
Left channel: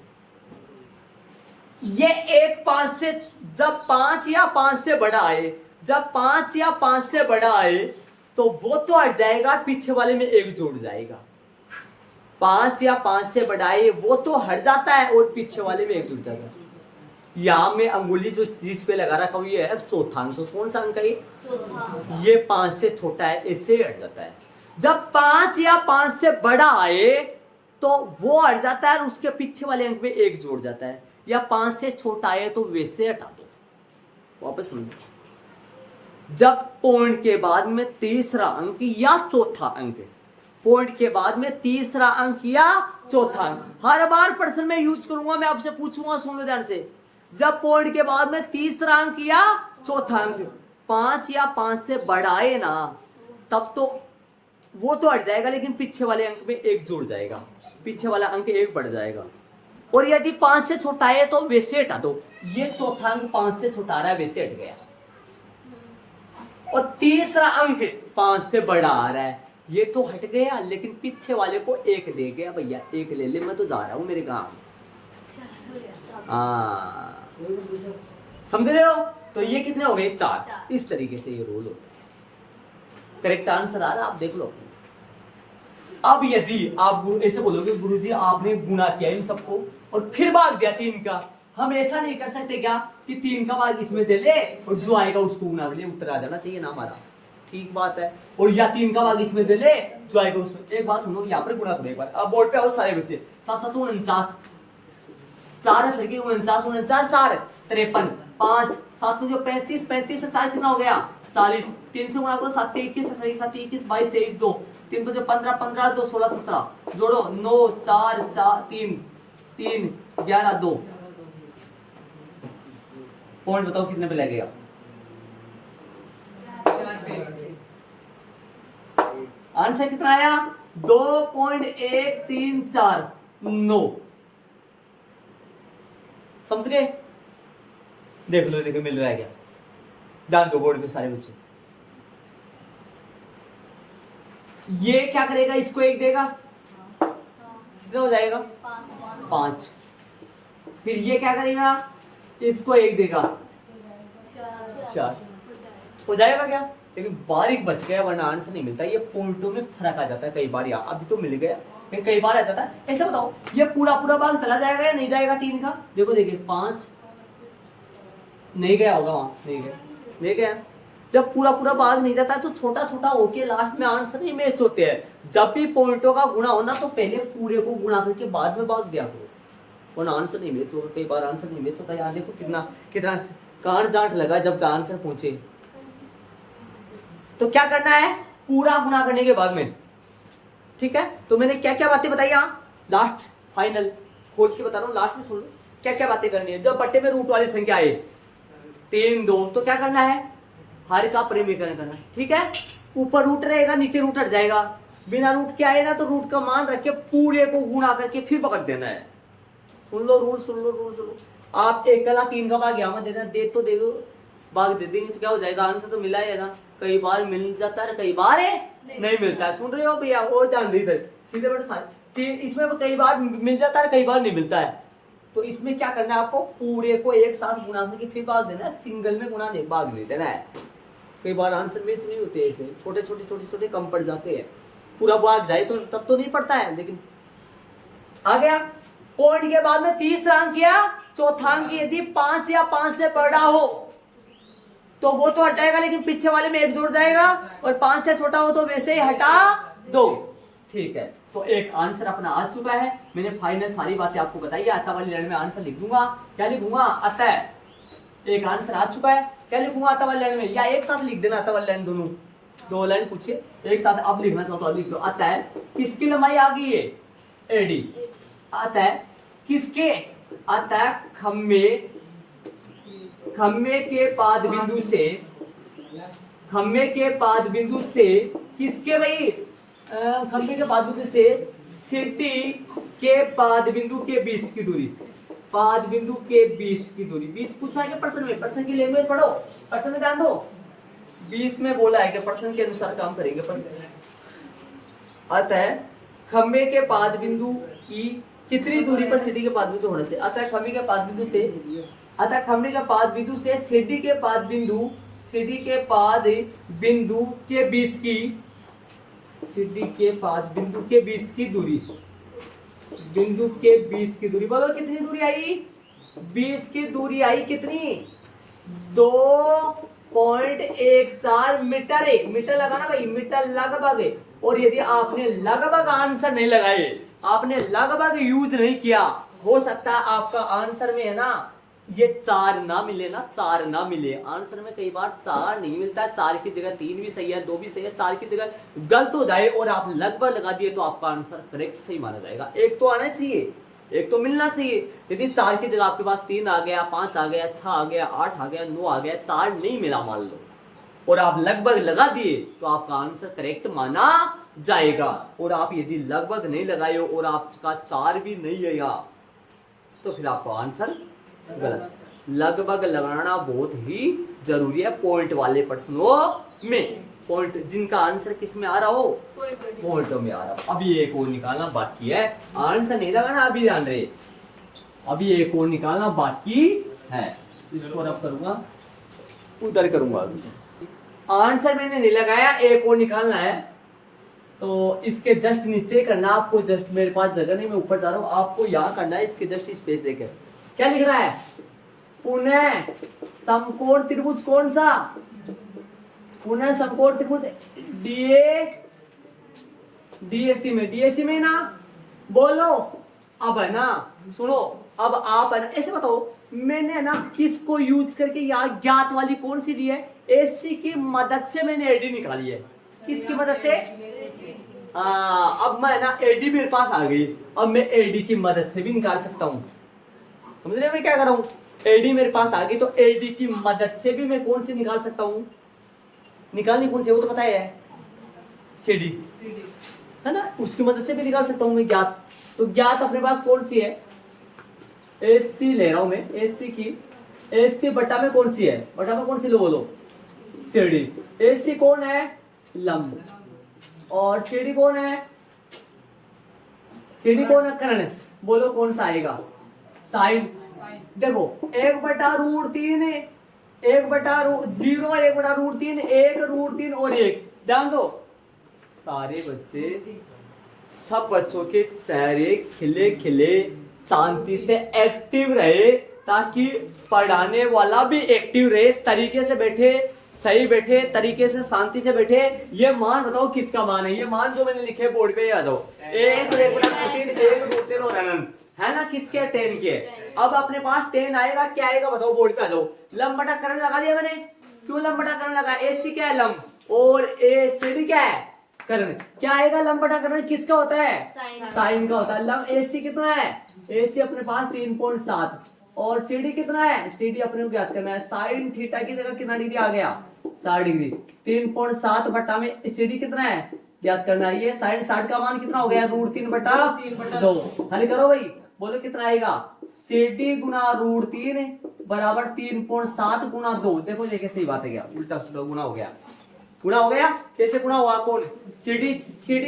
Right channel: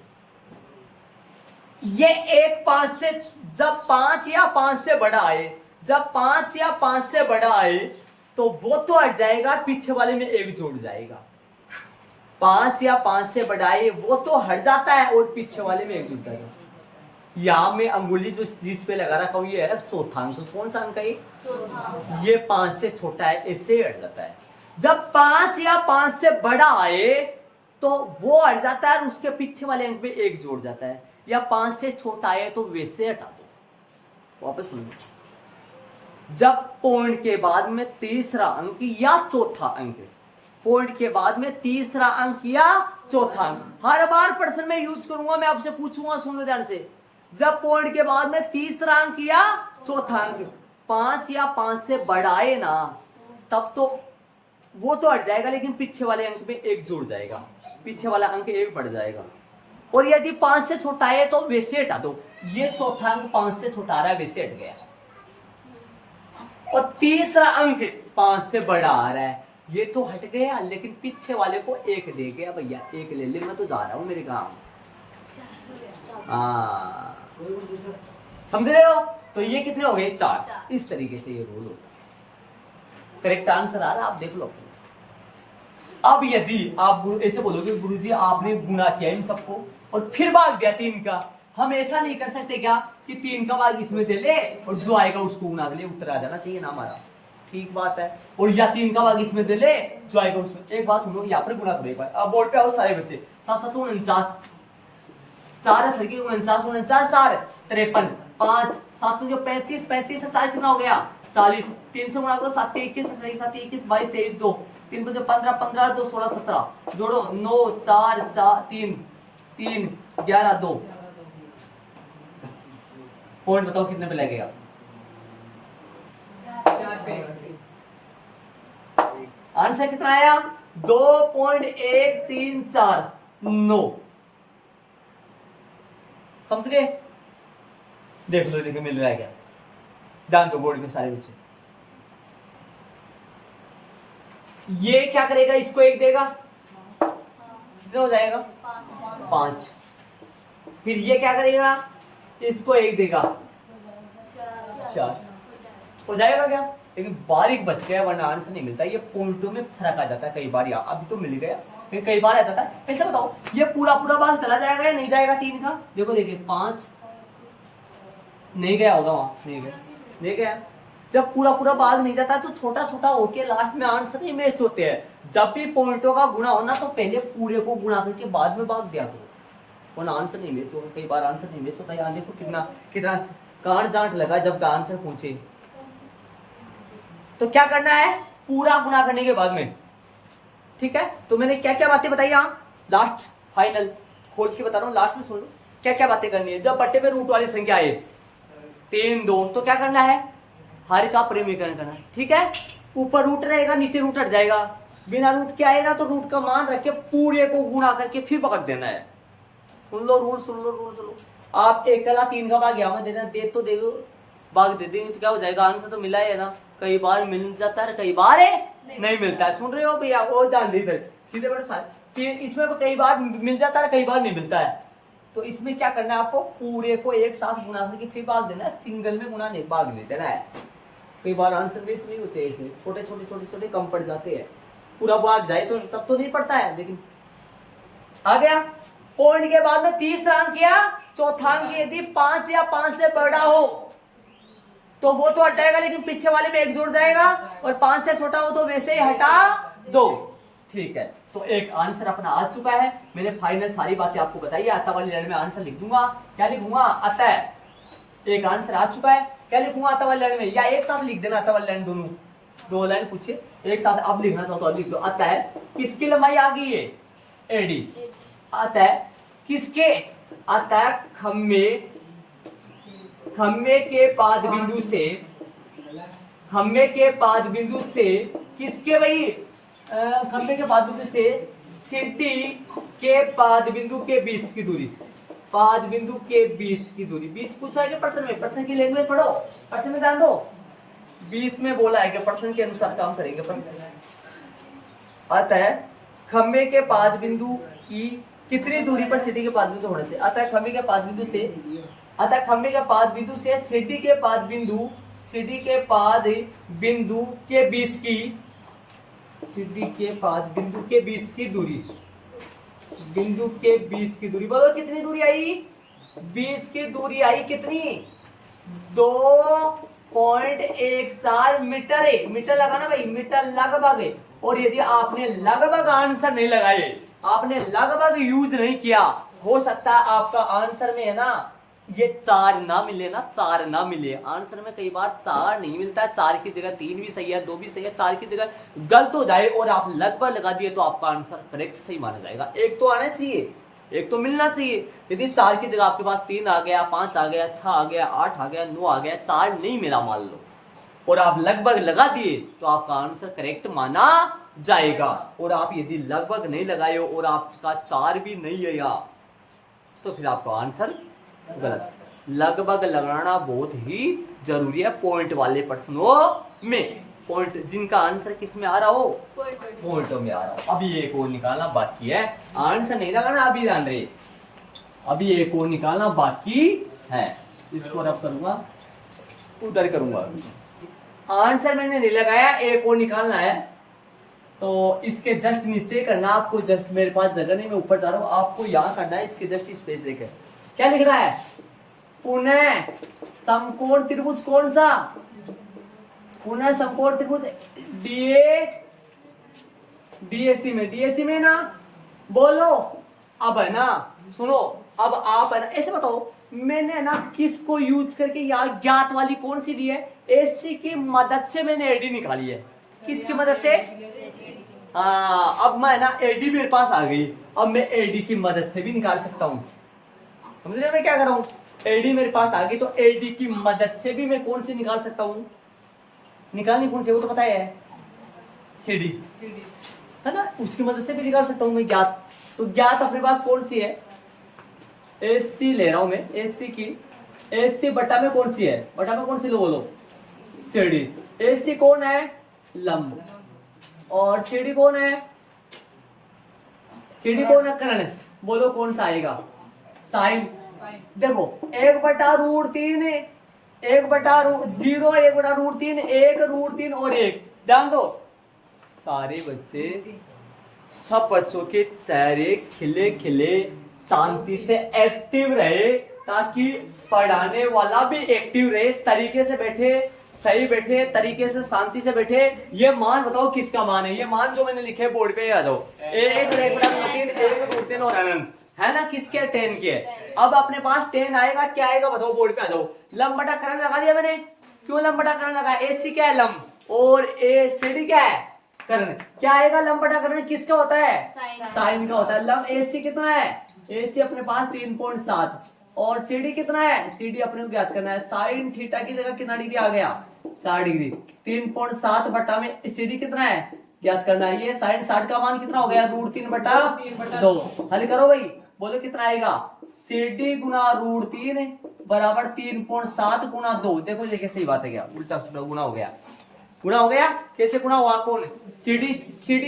ये एक 5 से, जब 5 या 5 से बड़ा आए, जब 5 या 5 से बड़ा आए तो वो तो हट जाएगा, पीछे वाले में 1 जोड़ जाएगा। 5 या 5 से बड़ा आए वो तो हट जाता है और पीछे वाले में 1 जुड़ जाएगा। यहाँ में अंगुली जो जिस पे लगा रखा हुई है चौथा अंक, तो कौन सा अंक है ये 5 से छोटा है, इससे हट जाता है। जब 5 या 5 से बड़ा आए तो वो हट जाता है और उसके पीछे वाले अंक में 1 जोड़ जाता है, या 5 से छोटा आए तो वैसे हटा दो। वापस सुनिए, जब पॉइंट के बाद में तीसरा अंक या चौथा अंक, पॉइंट के बाद में तीसरा अंक या चौथा अंक, हर बार प्रश्न में यूज करूंगा, मैं आपसे पूछूंगा, सुन लो ध्यान से। जब पॉइंट के बाद में तीसरा अंक या चौथा अंक 5 या 5 से बढ़ाए ना, तब तो वो तो हट जाएगा, लेकिन पीछे वाले अंक में 1 जुड़ जाएगा, पीछे वाला अंक 1 बढ़ जाएगा। और यदि 5 से छोटा है तो वैसे हटा दो, ये चौथा अंक 5 से छोटा आ रहा है, वैसे हट गया। और तीसरा अंक 5 से बड़ा आ रहा है, ये तो हट गया, लेकिन पीछे वाले को 1 दे गया, भैया 1 ले ले, मैं तो जा रहा हूं मेरे गांव। समझ रहे हो, तो ये कितने हो गए 4। इस तरीके से ये रूल होता है। करेक्ट आंसर आ रहा है, आप देख लो। अब यदि आप ऐसे बोलोगे गुरुजी आपने गुणा किया इन सबको और फिर भाग दिया 3 का, हम ऐसा नहीं कर सकते क्या कि 3 का भाग इसमें दे ले और जो आएगा उसको गुना कर ले, उत्तर आ जाना चाहिए ना हमारा, ठीक बात है। और या 3 का भाग इसमें दे ले, जो आएगा उसमें। एक बात सुनो, यहाँ पर गुना करो एक बार। अब बोर्ड पे आओ सारे बच्चे, 7 7 49, 4 सर की 49 49 4 53, 5 7 जो 35 35 से 4 कितना हो गया 40, 3 से गुणा करो 7 21 7 21 22 23 2, 3 5 15 15 2 16 17, जोड़ो 9 4 4 3 3 11 2। पॉइंट बताओ कितने पे लगेगा, आंसर कितना आया 2.134 9। समझ गए, देख लो देखो मिल रहा है क्या, ध्यान दो बोर्ड में सारे बच्चे। ये क्या करेगा, इसको 1 देगा, कितना हो जाएगा 5। फिर ये क्या करेगा, इसको 1 देगा 4, हो जाएगा क्या। लेकिन बारीक बच गया, वरना आंसर नहीं मिलता। ये पॉइंटों में फर्क आ जाता है कई बार, यहाँ अभी तो मिल गया लेकिन कई बार आ जाता है। ऐसा बताओ ये पूरा पूरा भाग चला जाएगा या नहीं जाएगा 3 का, देखो देखिए 5 नहीं गया होगा वहां, नहीं गया, नहीं गया। जब पूरा पूरा भाग नहीं जाता तो छोटा छोटा होके लास्ट में आंसर नहीं मैच होते हैं। जब भी पॉइंटों का गुणा होना तो पहले पूरे को गुणा करके बाद में भाग दिया करो, वरना आंसर नहीं मैच होगा। कई बार आंसर नहीं मैच होता, यहाँ देखो कितना कितना कान जांट लगा जब आंसर पहुंचे। तो क्या करना है, पूरा गुणा करने के बाद में, ठीक है। तो मैंने क्या क्या बातें बताई यहाँ, लास्ट फाइनल खोल के बता रहा हूँ, लास्ट में सुन लो क्या क्या बातें करनी है। जब बट्टे में रूट वाली संख्या आए 3 2, तो क्या करना है, हर का परिमेयकरण करना है, ठीक है। ऊपर रूट रहेगा नीचे रूट हट जाएगा, बिना रूट के आए ना तो रूट का मान रख के पूरे को गुणा करके फिर पकड़ देना है। सुन लो रूल, सुन लो रूल, सुन लो। आप 1 कला 3 का भाग यहाँ में देना, दे तो दे दो, भाग दे देंगे तो क्या हो जाएगा, आंसर तो मिला है ना। कई बार मिल जाता है, कई बार नहीं मिलता है। सुन रहे हो भैया, वो ध्यान दे इधर सीधे बड़े, इसमें कई बार मिल जाता है, कई बार नहीं मिलता है। तो इसमें क्या करना है आपको, पूरे को एक साथ गुणा करके फिर भाग देना है, सिंगल में गुणा नहीं, भाग नहीं देना है। कई बार आंसर बेस नहीं होते, इसमें छोटे छोटे छोटे छोटे कम पड़ जाते हैं। पूरा भाग जाए तो तब तो नहीं पड़ता है, लेकिन आ गया। पॉइंट के बाद में तीसरा अंक किया, चौथा अंक यदि 5 या 5 से बड़ा हो तो वो तो हट जाएगा, लेकिन पीछे वाले में 1 जुड़ जाएगा, और 5 से छोटा हो तो वैसे ही हटा दो। ठीक है, तो एक आंसर अपना आ चुका है। मैंने फाइनल सारी बातें आपको बताई है। आता वाली लाइन में आंसर लिख दूंगा, क्या लिखूंगा, आता है। एक आंसर आ चुका है, क्या लिखूंगा आता वाली लाइन में, या एक साथ लिख देना आता वाली लाइन, दोनों 2 लाइन पूछे एक साथ। अब लिखना चाहो तो लिख दो। आता है किसकी लंबाई आ गई है, एडी। आता है किसके, आता है खम्बे के पाद बिंदु से, खम्बे के पाद बिंदु से किसके भाई, खम्बे के पाद बिंदु से सीटी के पाद बिंदु के बीच की दूरी, पाद बिंदु के बीच की दूरी। बीच पूछा है कि प्रश्न में, प्रश्न की लैंग्वेज पढ़ो, प्रश्न में ध्यान दो, बीच में बोला है कि प्रश्न के अनुसार काम करेंगे। आता है खम्बे के पाद बिंदु की कितनी दूरी पर सीढ़ी के पाद बिंदु होना चाहिए। आता है खम्बे के पाद बिंदु से, आता है खम्बे के पाद बिंदु से सीढ़ी के पाद बिंदु, सीढ़ी के पाद बिंदु के बीच की, सीढ़ी के पाद बिंदु के बीच की दूरी, बिंदु के बीच की दूरी। बोलो कितनी दूरी आई, 20 की दूरी आई। कितनी, 2.14 मीटर है। मीटर लगाना भाई, मीटर लगभग है। और यदि आपने लगभग आंसर नहीं लगाए, आपने लगभग यूज नहीं किया, हो सकता है आपका आंसर में है ना ये 4 ना मिले ना, 4 ना मिले। आंसर में कई बार 4 नहीं मिलता है, 4 की जगह 3 भी सही है, 2 भी सही है, 4 की जगह गलत हो जाए और आप लगभग लगा दिए तो आपका आंसर करेक्ट सही माना जाएगा। एक तो आना चाहिए, एक तो मिलना चाहिए। यदि 4 की जगह आपके पास 3 आ गया, 5 आ गया, 6 आ गया, 8 आ गया, 9 आ गया, 4 नहीं मिला मान लो, और आप लगभग लगा दिए तो आपका आंसर करेक्ट माना जाएगा। और आप यदि लगभग नहीं लगाए और आपका 4 भी नहीं आया तो फिर आपका आंसर गलत। लगभग लगाना बहुत ही जरूरी है पॉइंट वाले प्रश्नों में। पॉइंट जिनका आंसर किस में आ रहा हो, पॉइंटों में आ रहा हो। अभी एक और निकालना बाकी है, आंसर नहीं लगाना अभी, ध्यान रहे, अभी एक और निकालना बाकी है। इसको रब करूंगा, उधर करूंगा। आंसर मैंने नहीं लगाया, एक और निकालना है। तो इसके जस्ट नीचे करना आपको, जस्ट मेरे पास जगह नहीं, मैं ऊपर जा रहा हूँ, आपको यहाँ करना है। इसके जस्ट स्पेस देकर क्या लिख रहा है, पुनः समकोण त्रिभुज कौन सा, पुनः समकोण त्रिभुज डीएसी में, डीएसी में ना, बोलो अब है ना, सुनो अब आप है ना ऐसे बताओ, मैंने ना किसको यूज करके यहाँ ज्ञात वाली कौन सी ली है, एसी की मदद से मैंने एडी निकाली है। किसकी मदद से, अब मैं ना एडी मेरे पास आ गई, अब मैं एडी की मदद से भी निकाल सकता हूँ। समझ रहे मैं क्या कर रहा हूँ, एडी मेरे पास आ गई तो एडी की मदद से भी मैं कौन सी निकाल सकता हूँ, निकालनी कौन सी वो तो पता है, सीडी है ना, उसकी मदद से भी निकाल सकता हूँ मैं ज्ञात। तो ज्ञात अपने पास कौन सी है, एसी ले रहा हूं मैं, एसी की, एसी बटा में कौन सी है, बटा में कौन सी लो बोलो, सीडी। एसी कौन है, लंब, और सीडी कौन है, सीडी कौन है, कर्ण। बोलो कौन सा आएगा, साइन। देखो 1/√3 है, 1/0, 1/√3, 1√3 और 1। ध्यान दो, सारे बच्चे, सब बच्चों के चेहरे खिले खिले शांति से एक्टिव रहे, ताकि पढ़ाने वाला भी एक्टिव रहे, तरीके से बैठे, सही बैठे, तरीके से शांति से बैठे। ये मान बताओ किसका मान है, ये मान जो मैंने लिखे बोर्ड पे याद हो, 1/√3 और अनंत है ना, किसके, 10 के। अब अपने पास 10 आएगा, क्या आएगा बताओ, बोर्ड पे आ जाओ। लंब बटा कर्ण लगा दिया मैंने, क्यों लंब बटा कर्ण लगा, एसी क्या है लंब, और एसीडी क्या है कर्ण। क्या आएगा, लंब बटा कर्ण किसका होता है, साइन का होता है। लंब एसी कितना है, एसी अपने पास 3.7, और सीडी कितना है, सीडी अपने को ज्ञात करना है। साइन थीटा की जगह कितना डिग्री आ गया, 60 डिग्री। 3.7 बटा में सीडी कितना है, ज्ञात करना है। ये साइन 60 का मान कितना हो गया, √3/2। हल करो भाई, बोलो कितना आएगा, CD गुना √3 बराबर 3.7 गुना 2। देखो ये कैसी बात है, क्या उल्टा सीधा गुना हो गया, गुना हो गया। कैसे गुना हुआ, कौन CD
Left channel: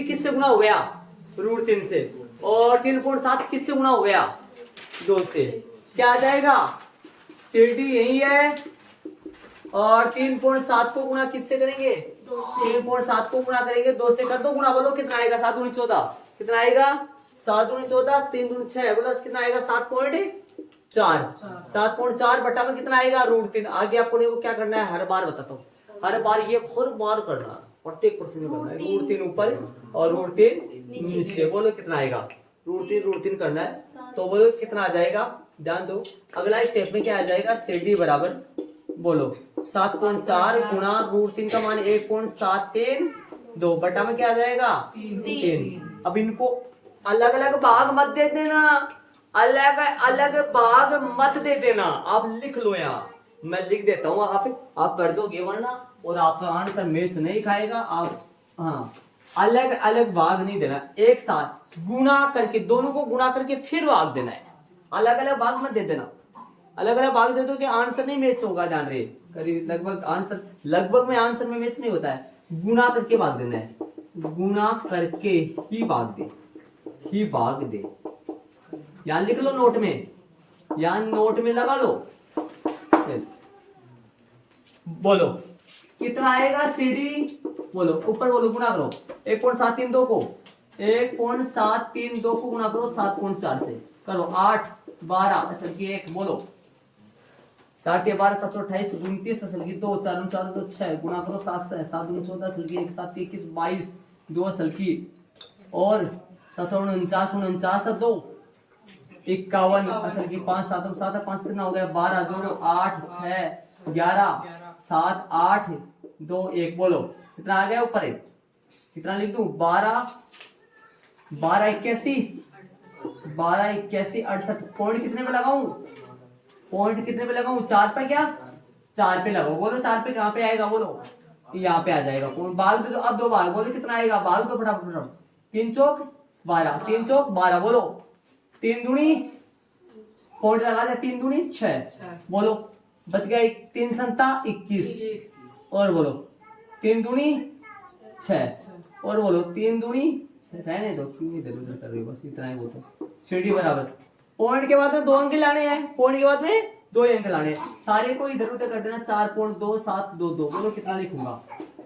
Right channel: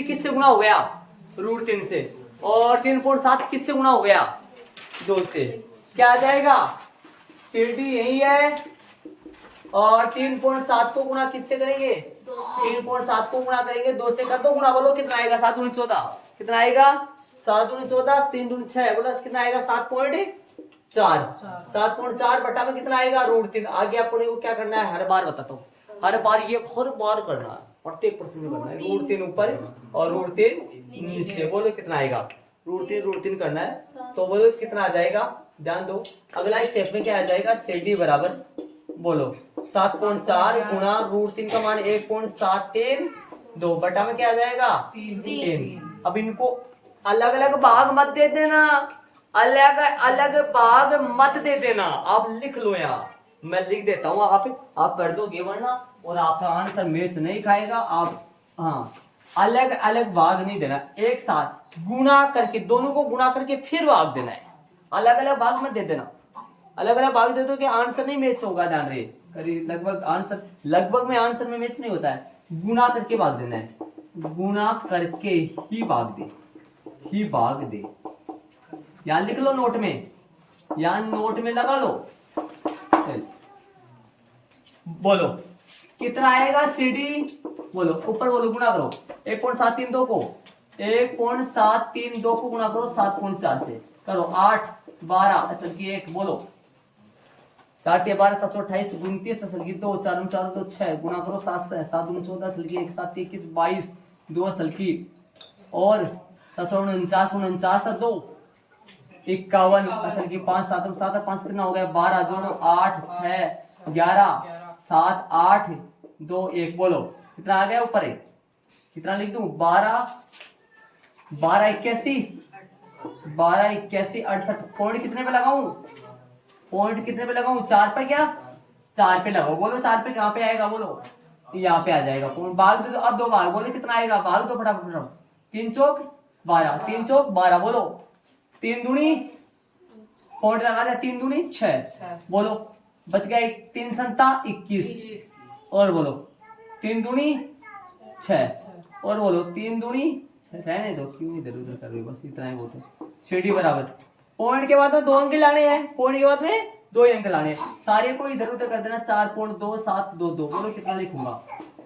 किससे गुना हो गया, √3 से, और 3.7 किससे गुना हो गया, 2 से। क्या आ जाएगा, CD यही है और 3.7 को गुना किससे करेंगे, 3.7 को गुना करेंगे 2 से, कर दो गुना, बोलो कितना आएगा, 7 दूनी 14, कितना आएगा, 7 दूनी 14, 3 दूनी 6, बोलो कितना आएगा, 7.4। 7.4 बटा में कितना आएगा, √3। आगे आपको को क्या करना है, हर बार बताता हूँ, हर बार ये हर बार करना है, प्रत्येक प्रश्न में करना है। √3 ऊपर और √3 नीचे, बोलो कितना आएगा, √3 करना है, तो बोलो कितना आ जाएगा, ध्यान दो। अगला स्टेप में क्या आ जाएगा, CD बराबर बोलो 7.4 गुना √3 का मान 1.732 बटा में क्या आ जाएगा, 3। अब इनको अलग अलग भाग मत दे देना, अलग अलग भाग मत दे देना, आप लिख लो यहाँ, मैं लिख देता हूँ, आप कर दोगे वरना, और आपका आंसर मैच नहीं खाएगा। आप हाँ अलग अलग भाग नहीं देना, एक साथ गुना करके, दोनों को गुना करके फिर भाग देना है, अलग अलग भाग मत दे देना। अलग अलग भाग दे दो कि आंसर नहीं मैच होगा, ध्यान रहे, करीब लगभग में आंसर में मैच नहीं होता है, गुना करके भाग देना है, गुना करके ही भाग दे। यहाँ लिख लो नोट में, यहाँ नोट में लगा लो। बोलो कितना आएगा, CD बोलो ऊपर बोलो, गुना करो 1.732 को 1.732 को गुना करो 7.4 से, करो 8 12 असल की 1, बोलो 4 के 12 7 28 29 असल की 2 4 4 2 6 गुना करो 7 7 14 असल की 1 7 21 22 2 असल की, और 7 49 49 2 51 असल की 5 7 7 5 कितना हो गया, 12 जोड़ो 8 6 11 7 8 2 1, बोलो कितना आ गया, ऊपर है कितना लिख दूं, 12 12 81 68। पॉइंट कितने पे लगाऊं, पॉइंट कितने पे लगाऊं, 4 पे, क्या 4 पे लगाओ, बोलो 4 पे कहां पे आएगा, बोलो यहाँ पे आ जाएगा। पॉइंट भाग दे दो, अब 2 बार, बोलो कितना आएगा, भाग दो फटाफट, 3 चौक 12 3 चौक 12, बोलो 3 दूनी, पॉइंट लगा दिया, 3 दूनी 6, बोलो बच गया 3 संता 21, और बोलो 3 दूनी 6, और बोलो 3 दूनी, रहने दो, क्यों इधर उधर कर रही हो, बस इतना ही बहुत है। CD बराबर पॉइंट के बाद में 2 अंक लाने हैं, पॉइंट के बाद में 2 अंक लाने हैं, सारे को इधर उधर कर देना, 4.2722, बोलो कितना लिखूंगा,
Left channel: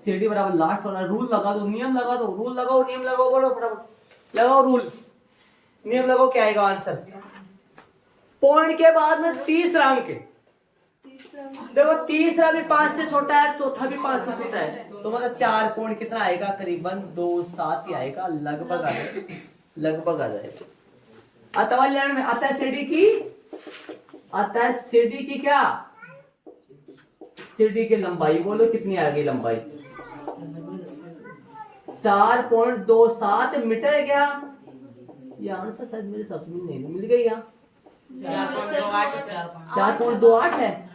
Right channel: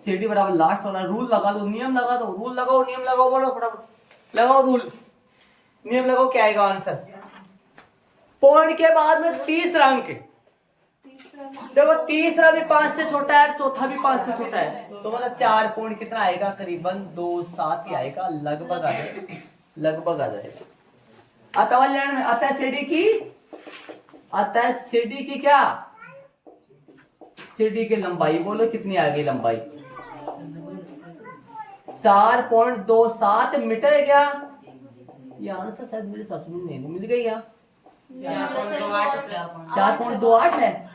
CD बराबर लास्ट वाला रूल लगा दो, नियम लगा दो, रूल लगाओ, नियम लगाओ, बोलो फटाफट लगाओ रूल, नियम लगाओ, क्या आएगा आंसर, पॉइंट के बाद में तीसरा अंक, देखो तीसरा भी 5 से छोटा है, चौथा भी 5 से छोटा है, तो मतलब 4 पॉइंट कितना आएगा, करीबन 2.7 ही आएगा, लगभग आ जाएगा। अतः लैंड में आता है CD की क्या, CD की लंबाई, बोलो कितनी आ गई लंबाई, 4.27 मीटर है क्या, ये आंसर शायद मेरे साथ में नहीं मिल गई, क्या 4.28 है,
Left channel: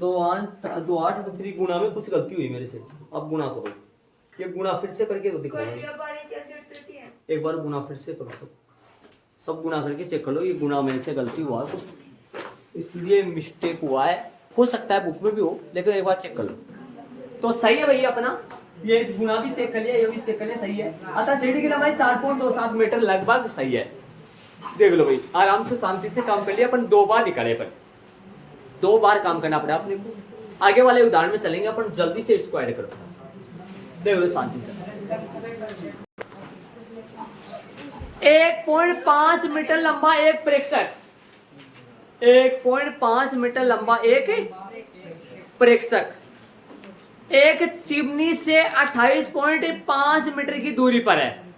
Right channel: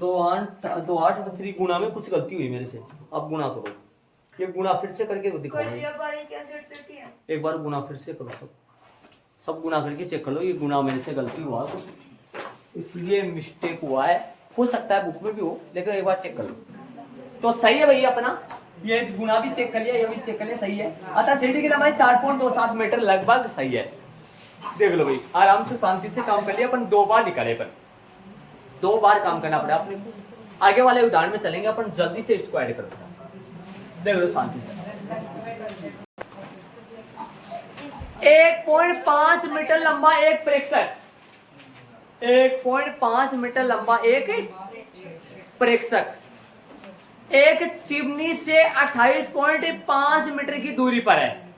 2.8 तो फिर गुना में कुछ गलती हुई मेरे से, अब गुना करो, ये गुना फिर से करके तो दिखाओ, एक बार गुना फिर से करो, सब गुना करके चेक कर लो, ये गुना मेरे से गलती हुआ है कुछ, इसलिए मिस्टेक हुआ है, हो सकता है बुक में भी हो, लेकिन एक बार चेक कर लो। तो सही है भैया अपना, ये गुना भी चेक कर लिया, ये भी चेक कर लिया, सही है। अतः CD की लंबाई 4.27 मीटर लगभग सही है। देख लो भाई, आराम से शांति से काम कर लिया, अपन 2 बार निकाले, अपन 2 बार काम करना पड़ा अपने को। आगे वाले उदाहरण में चलेंगे अपन, जल्दी से इसको ऐड करो, देख लो शांति से। 1.5 मीटर लंबा एक प्रेक्षक, 1.5 मीटर लंबा एक प्रेक्षक एक चिमनी से 28.5 मीटर की दूरी पर है।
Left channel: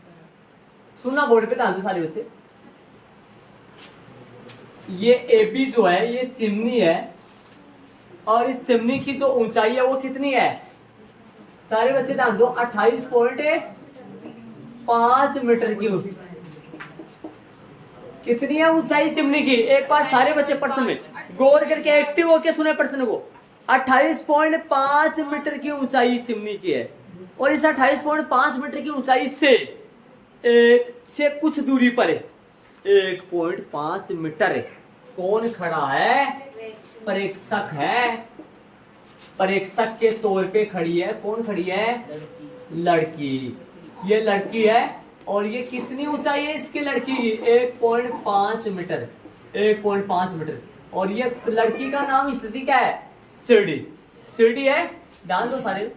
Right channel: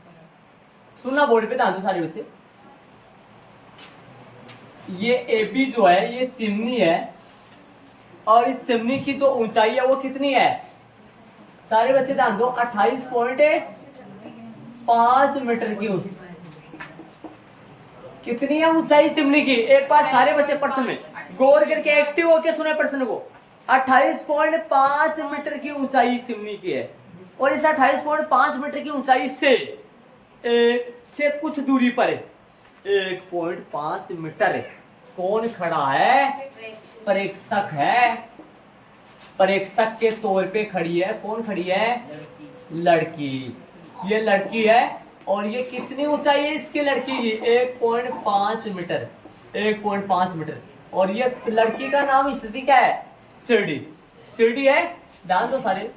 सुनना बोर्ड पे ध्यान दो सारे बच्चे, ये AB जो है ये चिमनी है, और इस चिमनी की जो ऊंचाई है वो कितनी है, सारे बच्चे ध्यान दो, 28.5 मीटर की कितनी है ऊंचाई चिमनी की। एक बार सारे बच्चे प्रश्न में गौर करके एक्टिव होके सुने प्रश्न को। 28.5 मीटर की ऊंचाई चिमनी की है। और इस 28.5 मीटर की ऊंचाई से कुछ दूरी पर 1.5 मीटर कौन खड़ा है? प्रेक्षक है। प्रेक्षक के तौर पे खड़ी है। कौन खड़ी है? लड़की। ये लड़की है और ये कितनी ऊंचाई है इसकी लड़की की? 1.5 मीटर। 1.5 मीटर। और ये लड़की का नाम स्थिति क्या है? शिरडी। शिरडी है, ध्यान दो सारे।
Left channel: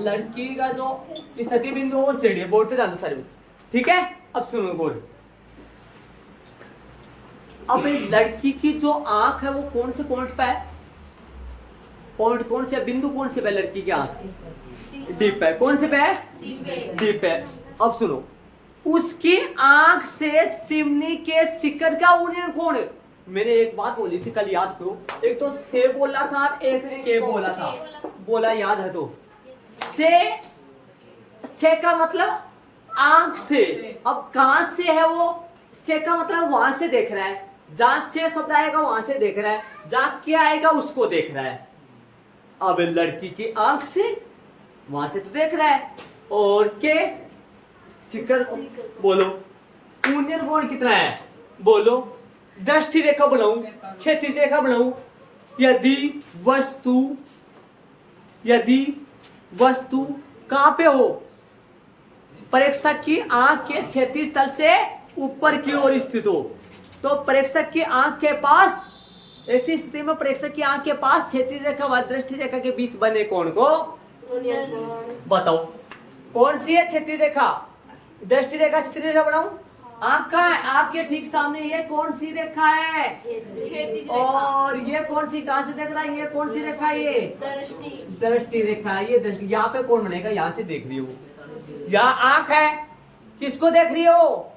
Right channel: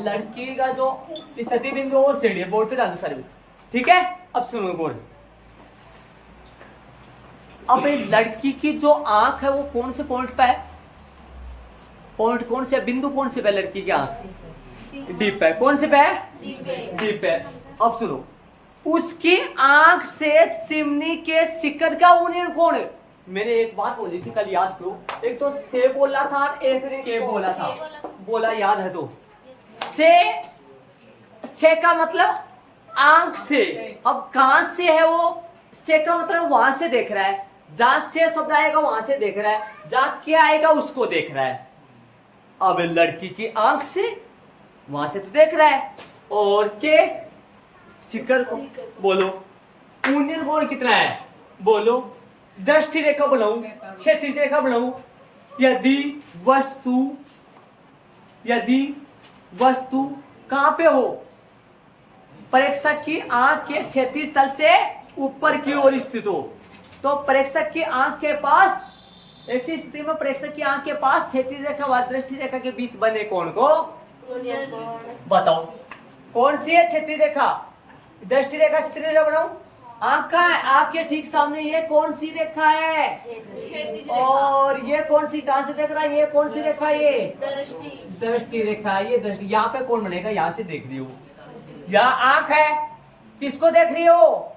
लड़की का जो स्थिति बिंदु वो शिरडी है। बोर्ड पे ध्यान दो सारे, ठीक है। अब सुनो बोर्ड। अब लड़की की जो आंख है वो कौन से पॉइंट पे है? पॉइंट कौन से, बिंदु कौन से पे लड़की की आंख? डीप है। कौन से पे है? डीप है। अब सुनो, उसकी आंख से चिमनी के शिखर का ऊपर कौन? मैंने एक बात बोली थी कल, याद करो। एक तो से बोला था, एक के बोला था। बोला याद है तो? से का मतलब आंख से। अब कहां से है वो? से का मतलब वहां से देख रहा है। जहां से शब्द आएगा वहां से देख रहा है, जहां क्या आएगा उसको देख रहा है। अब लड़की की आंख से वहां से तो देख रहा है, और के शिखर बोलो। यूनियन कोण कितना है? बोलो। दृष्टि रेखा बनाऊं, क्षैतिज रेखा बनाऊं? यदि वस्तु कहां पे हो? प्रेक्षक की आंख के क्षैतिज तल से ऊपर की ओर स्थित हो, तो प्रेक्षक की आंख के पास, ऐसी स्थिति में प्रेक्षक की आंख के पास क्षैतिज रेखा व दृष्टि रेखा के बीच बने कोण को बताओ। कौन सी है क्षैतिज रेखा? दृष्टि रेखा, क्षैतिज रेखा बनाऊं? आंख का है, आपके ठीक सामने ये कौन सी रेखा है? और ये कौन सी, कहां से देख रहा है? ये कौन सी रेखा है? ये दृष्टि रेखा है। ये दृष्टि, यहाँ पे कौन बनेगा? यहाँ से देख रही हो, यहाँ आंख है, किसको देख रही हो?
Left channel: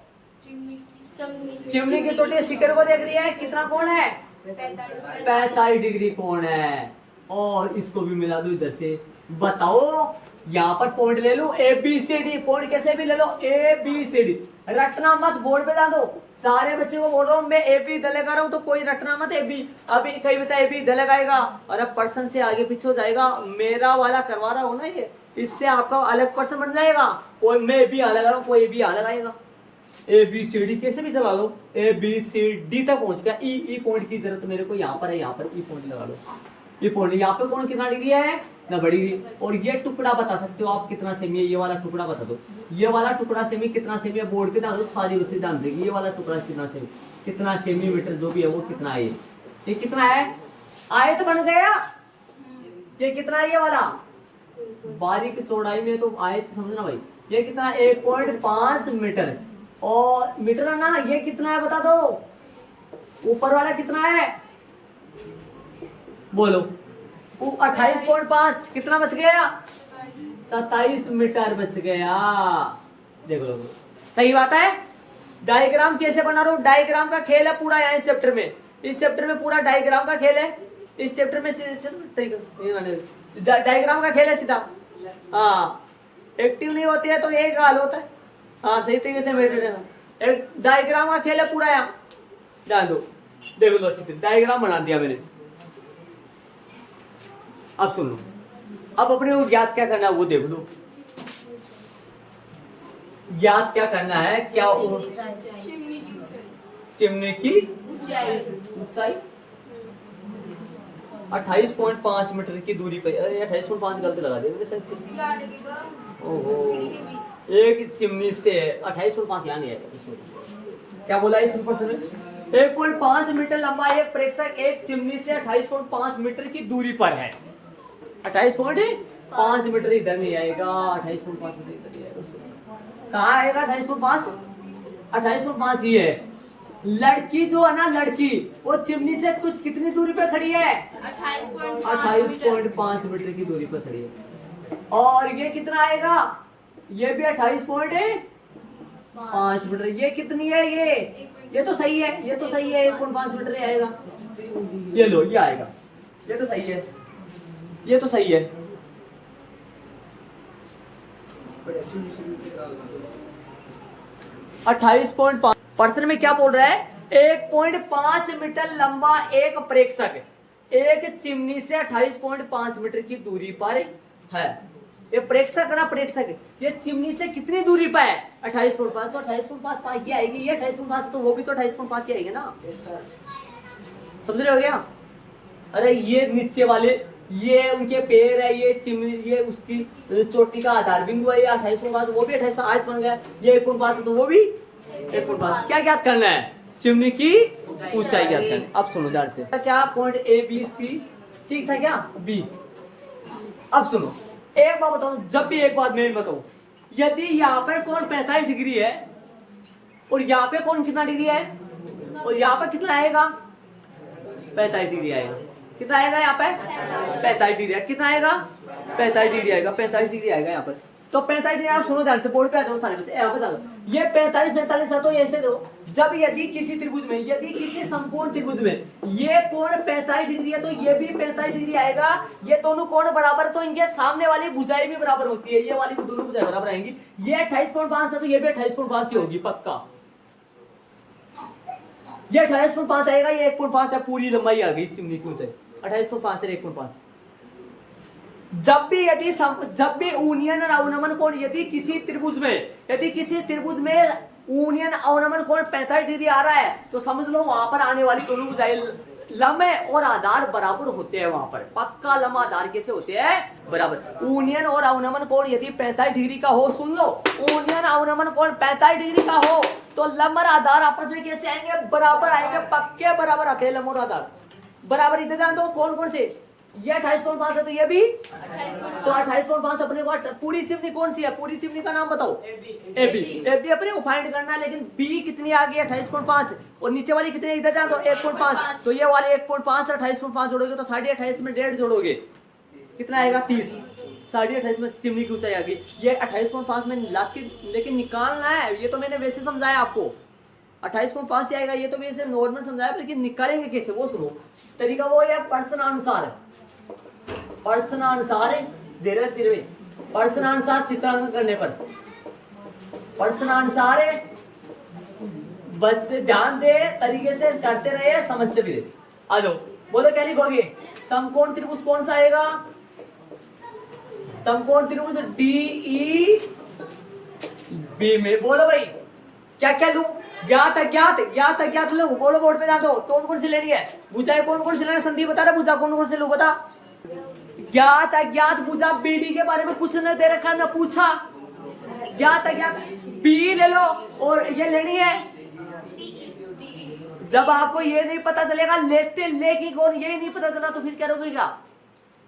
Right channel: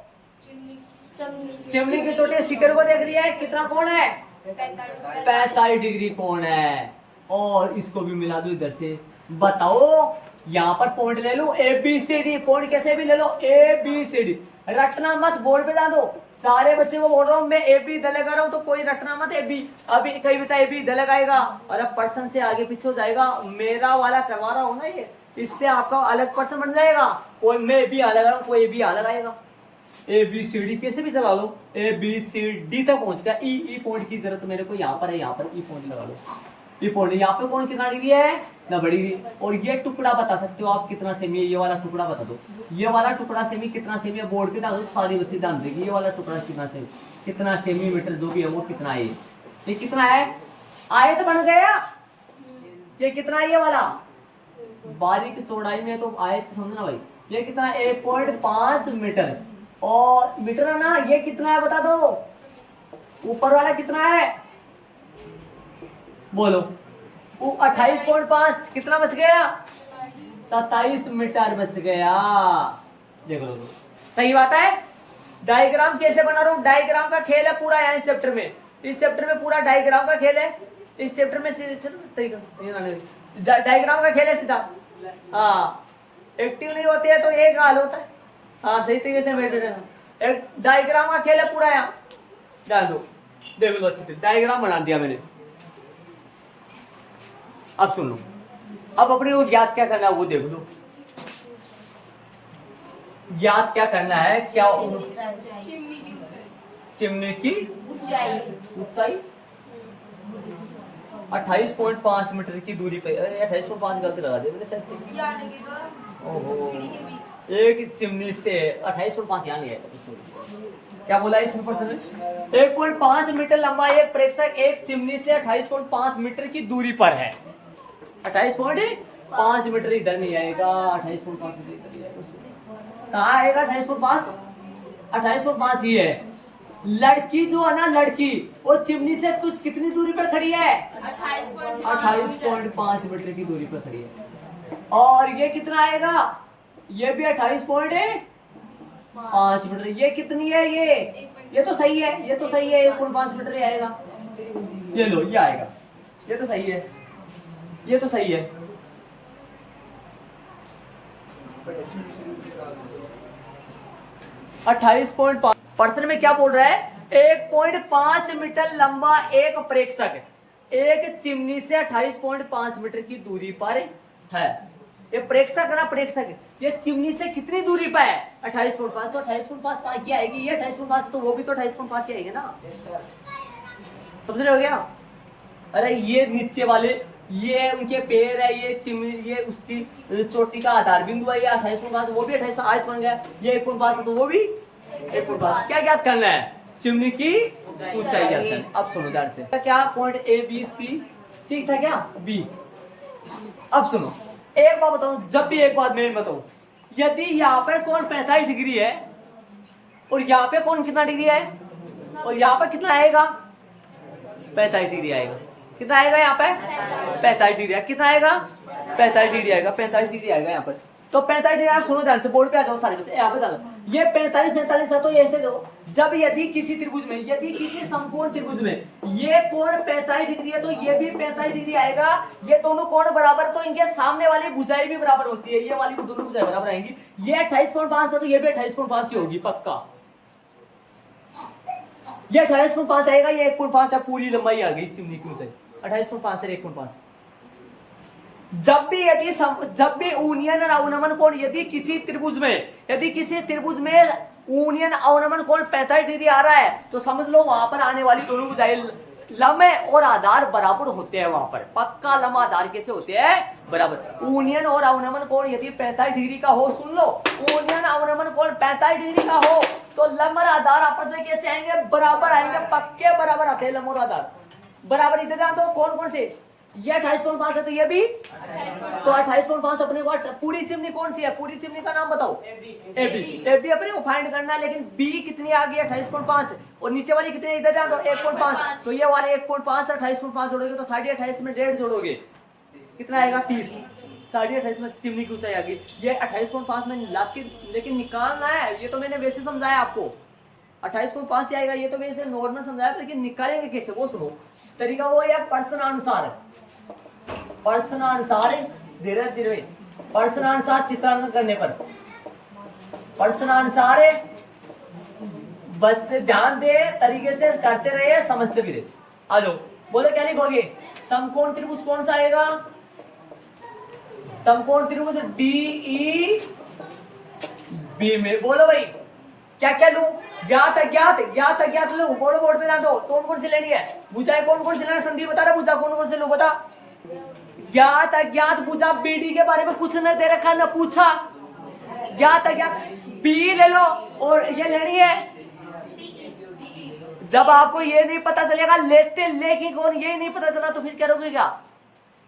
चिमनी के छोटे शिखर को देख रही है। कितना कोण है? 45 डिग्री कोण है। और इसको भी मिला दो इधर से। बताओ, यहाँ पर पॉइंट ले लो ABCD। पॉइंट कैसे भी ले लो, ABCD। रटना मत, बोर्ड पे डाल दो। सारे बच्चे को बोल रहा हूँ मैं, AB इधर लगा रहा हूँ, तो कोई रटना मत AB। अभी कई बच्चा AB इधर लगाएगा और अब पर्सन से आगे पीछे हो जाएगा। मेरा वाला करवा रहा हूँ ना ये, इससे आपका अलग पर्सन बन जाएगा। कोई मैं AB यहाँ लगा रहा हूँ, कोई AB यहाँ लगाएगा। ABCD कैसे भी चला लो, ABCD तक पहुंच गया। ई पॉइंट की जरूरत मेरे को यहाँ पर है, यहाँ पर ई पॉइंट लगा लो। ये पॉइंट यहाँ पे कौन कितना डिग्री है? ना बड़ी। और ये टुकड़ा बता सकते हो आप कितना सेमी है? ये वाला टुकड़ा बता दो। ये वाला टुकड़ा सेमी कितना सेमी है? बोर्ड पे डाल दो, सारी बच्चे ध्यान देंगे। ये वाला टुकड़ा कितना सेमीमीटर जो भी है वो कितना है? ये कितना है? आए तो बन गया। ये कितना है? ये वाला बारीक चौड़ाई में तो आए तो समझना भाई। ये कितना है? 1.5 मीटर। और मीटर है ना, ये कितना है बता दो। ऊपर वाला कितना है? बोलो। 28.5 कितना बच गया? 27 मीटर बच गया। देखो लो, सही बात है। डायग्राम कैसे बना रहा हूं? डायग्राम का खेल है पूरा यहाँ इस चैप्टर में। इस चैप्टर में पूरा डायग्राम का खेल है। इस चैप्टर में डायग्राम का खेल है सीधा। हाँ, एक्टिव नहीं होते हैं तो एक हाल होता है। हाँ, सही तरीके से बैठे रहना। एक डायग्राम का खेल है पूरा यहाँ। डाल दो, देखो लो अच्छे से डायग्राम बना दिया मैंने। अब सुन लो, अब अपने को ज्ञात क्या करना है वो देख लो। ज्ञात क्या करना है? क्या? चिमनी की ऊंचाई 28.5 मीटर की दूरी पे। अरे 28.5 गलती लगा दी मैंने शायद। ओहो, एक चिमनी से 28.5 यहाँ नहीं है। क्या बोला इस प्रश्न में? 1.5 मीटर लंबा एक प्रेक्षक एक चिमनी से 28.5 मीटर की दूरी पर है। 28.5 मीटर इधर नहीं आएगा, 28.5 मीटर इधर नहीं आएगा। कहाँ आएगा 28.5? 28.5 ही है। लड़की जो है ना, लड़की वो चिमनी से कुछ कितनी दूरी पर खड़ी है? 28.5 मीटर की दूरी पर खड़ी है। और ये कितना आएगा? ये भी 28.5 मीटर। ये कितनी है? ये तो सही है, ये तो सही है। 1.5 मीटर ही आएगा। ये लो, ये आएगा। ये तो सही है, ये तो सही है। पर्सन में क्या बोल रहा है? 1.5 मीटर लंबा एक प्रेक्षक एक चिमनी से 28.5 मीटर की दूरी पर है। ये प्रेक्षक है ना, प्रेक्षक ये चिमनी से कितनी दूरी पे है? 28.5। तो 28.5 ये आएगी, ये 28.5 तो वो भी तो 28.5 ही आएगी ना। समझ रहे हो क्या? अरे ये नीचे वाले ये उनके पैर है, ये चिमनी, ये उसकी चोटी का आधार बिंदु है, ये 28.5 वो भी 28 आज बन गया, ये 1.5 तो वो भी 1.5। क्या ज्ञात करना है? चिमनी की ऊंचाई ज्ञात करना है। अब सुनो ध्यान से, क्या पॉइंट ए बी सी था क्या बी। अब सुनो एक बात बताऊं, जब भी एक बात मैं बताऊं, यदि यहाँ पर कोण 45 डिग्री है और यहाँ पे कोण कितना डिग्री है और यहाँ पर कितना आएगा? 45 डिग्री आएगा। कितना आएगा यहाँ पे? 45 डिग्री। कितना आएगा? 45 डिग्री आएगा। 45 डिग्री आएगा यहाँ पर। तो 45 डिग्री, सुनो ध्यान से, बोर्ड पे आ जाओ सारे बच्चे, यहाँ पे डालो। ये 45 है तो ऐसे दो, जब यदि किसी त्रिभुज में, यदि किसी समकोण त्रिभुज में ये कोण 45 डिग्री है तो ये भी 45 डिग्री आएगा। ये दोनों कोण बराबर, तो इनके सामने वाली भुजाएं भी बराबर होती है, ये वाली दोनों भुजाएं बराबर आएंगी। ये 28.5 है तो ये भी 28.5 ही होगी पक्का। ये 28.5 आएगा, ये 1.5 है, पूरी लंबाई आ गई चिमनी की ऊंचाई 28.5 से 1.5। जब भी यूनियन और अवनमन कोण यदि किसी त्रिभुज में यूनियन अवनमन कोण 45 डिग्री आ रहा है तो समझ लो वहां पर आने वाली दोनों भुजाएं लंबे और आधार बराबर होते हैं। वहां पर पक्का लंबा आधार कैसे होते हैं? बराबर। यूनियन और अवनमन कोण यदि 45 डिग्री का हो, सुन लो, यूनियन अवनमन कोण 45 डिग्री का हो तो लंब और आधार आपस में कैसे आएंगे? बराबर आएंगे, पक्के बराबर आते हैं लंब और आधार बराबर। इधर ध्यान दो, कौन कौन से? ये 28.5 है तो ये भी तो 28.5 अपने को। पूरी चिमनी कौन सी है? पूरी चिमनी का नाम बताओ। एबी अपने को फाइंड करना है, लेकिन बी कितनी आ गई? 28.5। और नीचे वाली कितनी? इधर ध्यान दो, 1.5। तो ये वाले 1.5 और 28.5 जोड़ोगे तो 28.5 में 1.5 जोड़ोगे कितना आएगा? 30। 28.5 में चिमनी की ऊंचाई आ गई। ये 28.5 में लाके लेकिन निकालना है, ये तो मैंने वैसे समझाया आपको। 28.5 आएगा, ये तो वैसे नॉर्मल समझाया, लेकिन निकालेंगे कैसे वो सुनो। तरीका वो है प्रश्नानुसार धीरे धीरे प्रश्नानुसार चित्रांकन करने पर। प्रश्नानुसार बच्चे ध्यान दे, तरीके से करते रहे, समझते भी रहे। आ जाओ, बोलो क्या लिखोगे? समकोण त्रिभुज कौन सा आएगा? समकोण त्रिभुज DE B में। बोलो भाई क्या क्या लूं? ज्ञात अज्ञात लूं? बोलो बोर्ड पे ध्यान दो। कौन कौन सी लेनी है भुजाएं? कौन कौन सी लेनी? संदीप बता रहा भुजा कौन कौन सी लूं? बता। ज्ञात अज्ञात भुजा BD के बारे में कुछ न दे रखा, न पूछा। ज्ञात अज्ञात B ले लो, और ये लेनी है। जब आपको ये नहीं पता चलेगा लेके कौन, ये नहीं पता चला तो फिर करोगे क्या?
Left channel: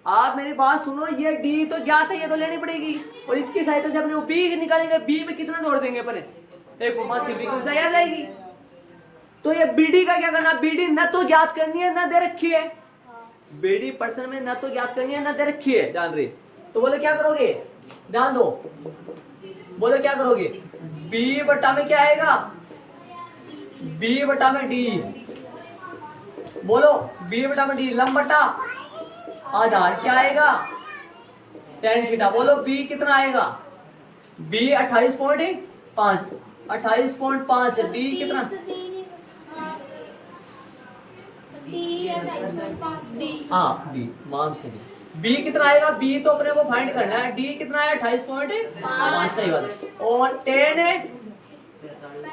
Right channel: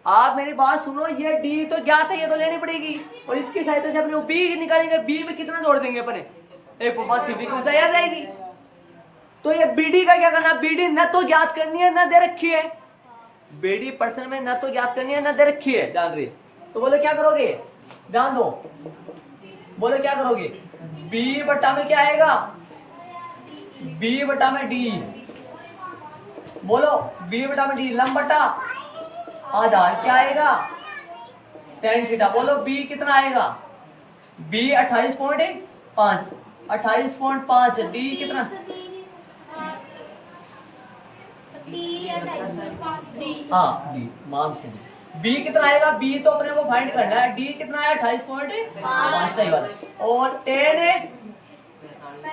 आप मेरी बात सुनो, ये D तो ज्ञात है, ये तो लेनी पड़ेगी, और इसकी सहायता से अपने B निकालेंगे। B में कितना जोड़ देंगे अपने? 1.5 चिमनी की ऊंचाई आ जाएगी। तो ये BD का क्या करना है? BD न तो ज्ञात करनी है न दे रखी है। BD प्रश्न में न तो ज्ञात करनी है न दे रखी है, ध्यान रहे। तो बोले क्या करोगे? ध्यान दो, बोले क्या करोगे? B बटा में क्या आएगा? B बटा में D। बोलो B बटा में D, लंब बटा आधार क्या आएगा? tan theta. बोलो B कितना आएगा? B 28.5 D कितना? हाँ D मान से B कितना आएगा? B तो अपने को फाइंड करना है। D कितना है? 28.5, सही बात। और tan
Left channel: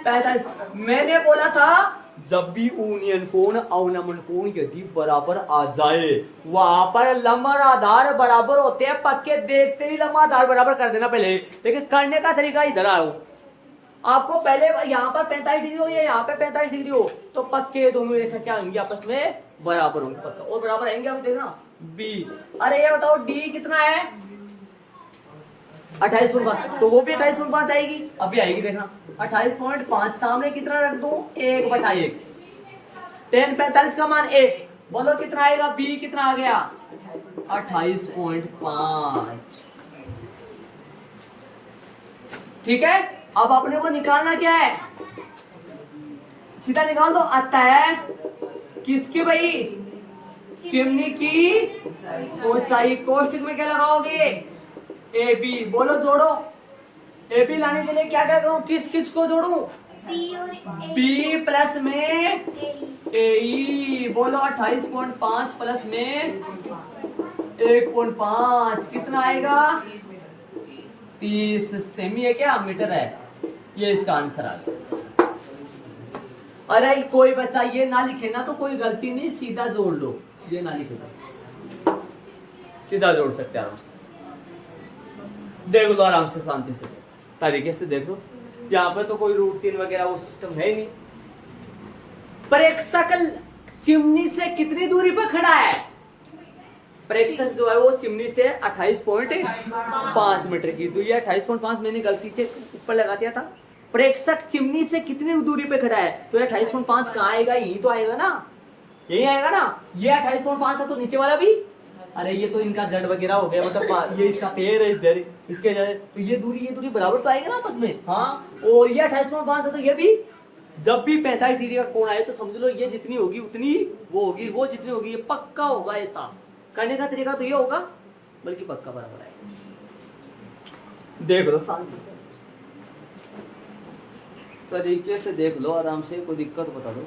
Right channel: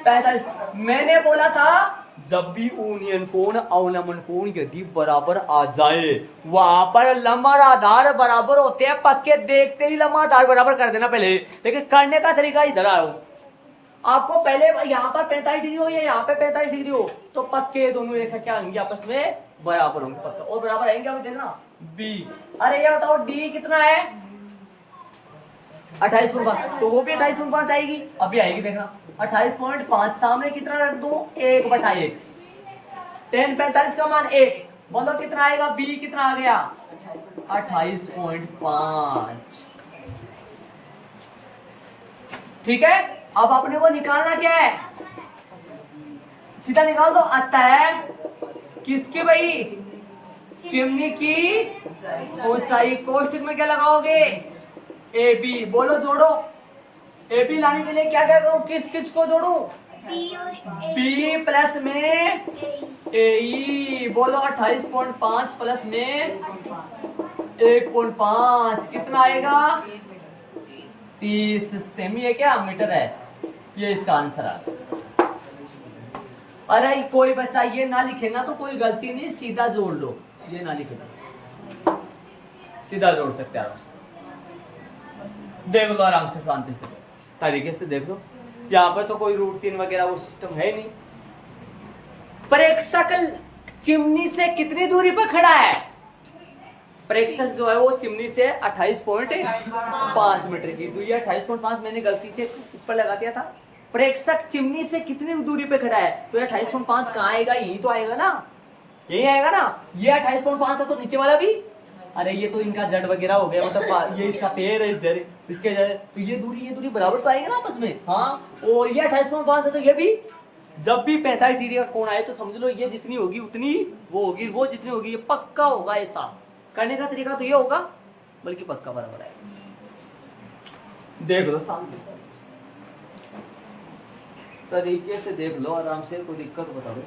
45। मैंने बोला था जब भी यूनियन कोण अवलंबन कोण यदि बराबर आ जाए, वहां पर लंब और आधार बराबर होते हैं पक्के। देखते ही लंबा आधार बराबर कर देना पहले, लेकिन करने का तरीका इधर आओ। आपको पहले यहाँ पर 45 डिग्री हो या यहाँ पे 45 डिग्री हो तो पक्के दोनों रेखा क्या होंगी? आपस में बराबर होंगे पक्का। और बराबर आएंगे आप देखना B। अरे ये बताओ D कितना है? 28.5, तो वो भी 28.5 आएगी। अभी आएगी देखना 28.5। सामने कितना रख दो? 1/1। tan 45 का मान 1। बोलो कितना आएगा? B कितना आ गया? 28.5। ठीक है, अब अपने को निकालना क्या है? सीधा निकाल दो। अतः किसकी भाई? चिमनी की ऊंचाई। कोष्ठक में क्या लगाओगे? AB। बोलो जोड़ो। AB लाने के लिए क्या क्या करूं? किस किस को जोड़ू? B प्लस में AE। बोलो 28.5 प्लस में 1.5 कितना आएगा? 30 सेमी है क्या मीटर है, ये इसका आंसर आ गया। अरे कोई बच्चा ये ना लिखे ना तो कोई गलती नहीं, सीधा जोड़ लो, ये ना लिखे सीधा जोड़ सकते हैं आराम से, देख लो आराम से शांति से तरीके से देख लो। यहाँ पर तो कोई रूट 3 वगैरह वो सिस्टम है नहीं। प्रेक्षक चिमनी से कितनी दूरी पर खड़ा है? प्रेक्षक जो है वो चिमनी से 28.5 मीटर की दूरी है। 28.5 मैंने गलती से ऊपर लगा दिया था। प्रेक्षक चिमनी से कितनी दूरी पे खड़ा है? तो ये 28.5 कहाँ आएगा? यही तो आएगा ना, यही आएगा ना। ये 28.5 है तो नीचे वाला भी, अरे ये तो इनका जड़ वगैरह हो गया, मतलब ये इसका पैर है इधर, इसके तो ये दूरी बराबर तो आएगा ना आपस में। हाँ, और ये 28.5 है तो ये भी, जब भी 45 डिग्री का कोण आए तो समझ लो ये जितनी होगी उतनी वो होगी, वो जितनी होगी, ये पक्का होगा। ऐसा करने का तरीका तो ये होगा, बल्कि पक्का बराबर है। देख लो शांति से, तरीके से देख लो आराम से, कोई दिक्कत बता दो।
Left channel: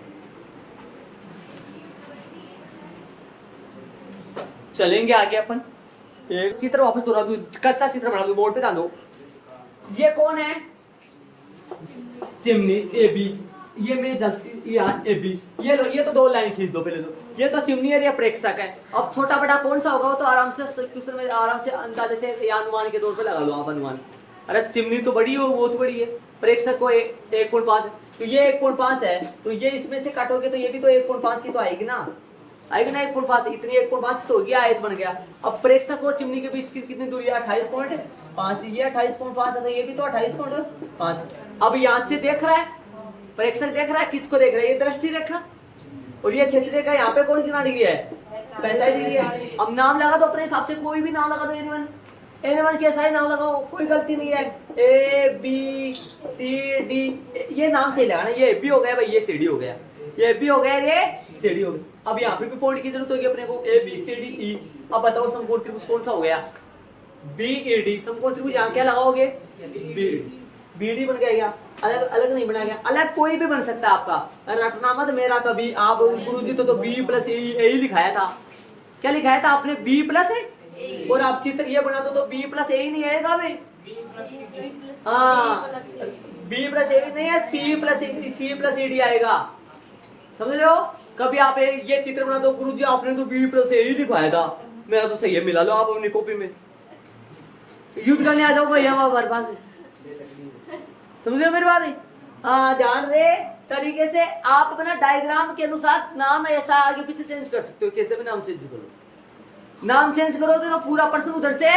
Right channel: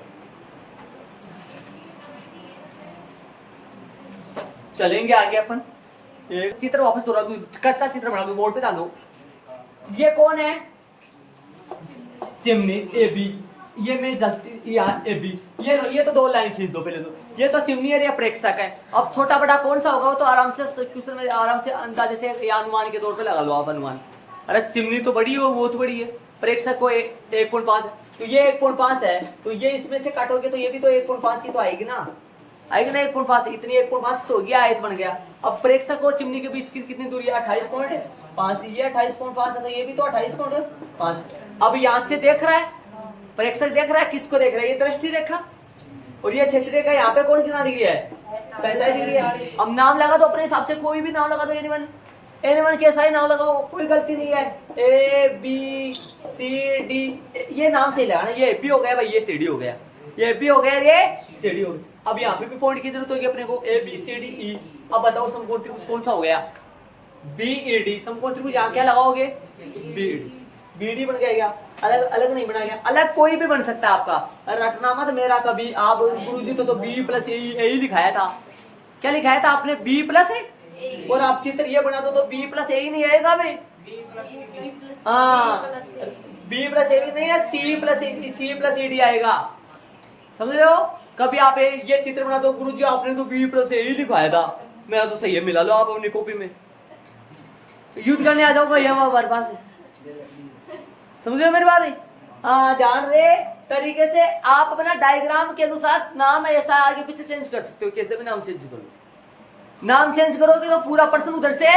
चलेंगे आगे अपन। एक चित्र वापस दोहरा दूं, कच्चा चित्र बना दूं, बोर्ड पे डाल दो। ये कौन है? चिमनी ए बी, ये मैं जल्दी यहाँ ए बी, ये लो, ये तो 2 लाइन खींच दो पहले तो। ये तो चिमनी है, ये प्रेक्षक है। अब छोटा बड़ा कौन सा होगा वो तो आराम से क्वेश्चन में आराम से अंदाजे से या अनुमान के तौर पे लगा लो आप अनुमान। अरे चिमनी तो बड़ी हो, वो तो बड़ी है, प्रेक्षक को 1.5, तो ये 1.5 है, तो ये इसमें से काटोगे तो ये भी तो 1.5 ही तो आएगी ना, आएगी ना 1.5, इतनी 1.5 तो हो गया, आयत बन गया। अब प्रेक्षक और चिमनी के बीच की कितनी दूरी है? 28.5, ये 28.5 है तो ये भी तो 28.5। अब यहाँ से देख रहा है प्रेक्षक, देख रहा है किसको देख रहा है? ये दृष्टि रेखा, और ये क्षेत्र रेखा यहाँ पे कौन कितना डिग्री है? 45 डिग्री है। अब नाम लगा दो अपने हिसाब से, कोई भी नाम लगा दो, एनीवन कैसा ही नाम लगाओ, कोई गलती नहीं है। ए बी सी डी, ये नाम सही लगाना। ये ए बी हो गया भाई, ये सी डी हो गया, ये बी हो गया, ये सी डी हो गया। अब यहाँ पे भी पॉइंट की जरूरत होगी अपने को, A B C D E. अब बताओ समकोण त्रिभुज कौन सा हो गया? B A D. समकोण त्रिभुज यहाँ क्या लगाओगे? बी डी बन गया, अलग अलग नहीं बना गया, अलग कोई भी बन सकता है आपका। रटना मत मेरा कभी आप, गुरुजी तो बी प्लस ए ही लिखाया था। क्या लिखाया था आपने? बी प्लस ए, और आप चित्र ये बना दो तो बी प्लस ए ही नहीं आएगा भाई। हाँ, बी प्लस ए नहीं है, सी प्लस ए डी आएगा, समझ रहे हो? कभी आप ये चित्र बना दो, गुरुजी आपने तो बी प्लस ए ही लिखाया था, मेरा तो सही है, मिला लो आप अपनी कॉपी में। युद्ध करने आ जाओ भैया हमारे पास, समझ रहे हो मेरी बात? हाँ, ध्यान रहे तरीके से आप अपना डायग्राम के अनुसार नाम ऐसा आगे पीछे चेंज कर सकते हो, कैसे भी नाम चेंज करो। नाम चेंज करोगे तो पूरा प्रश्न उधर से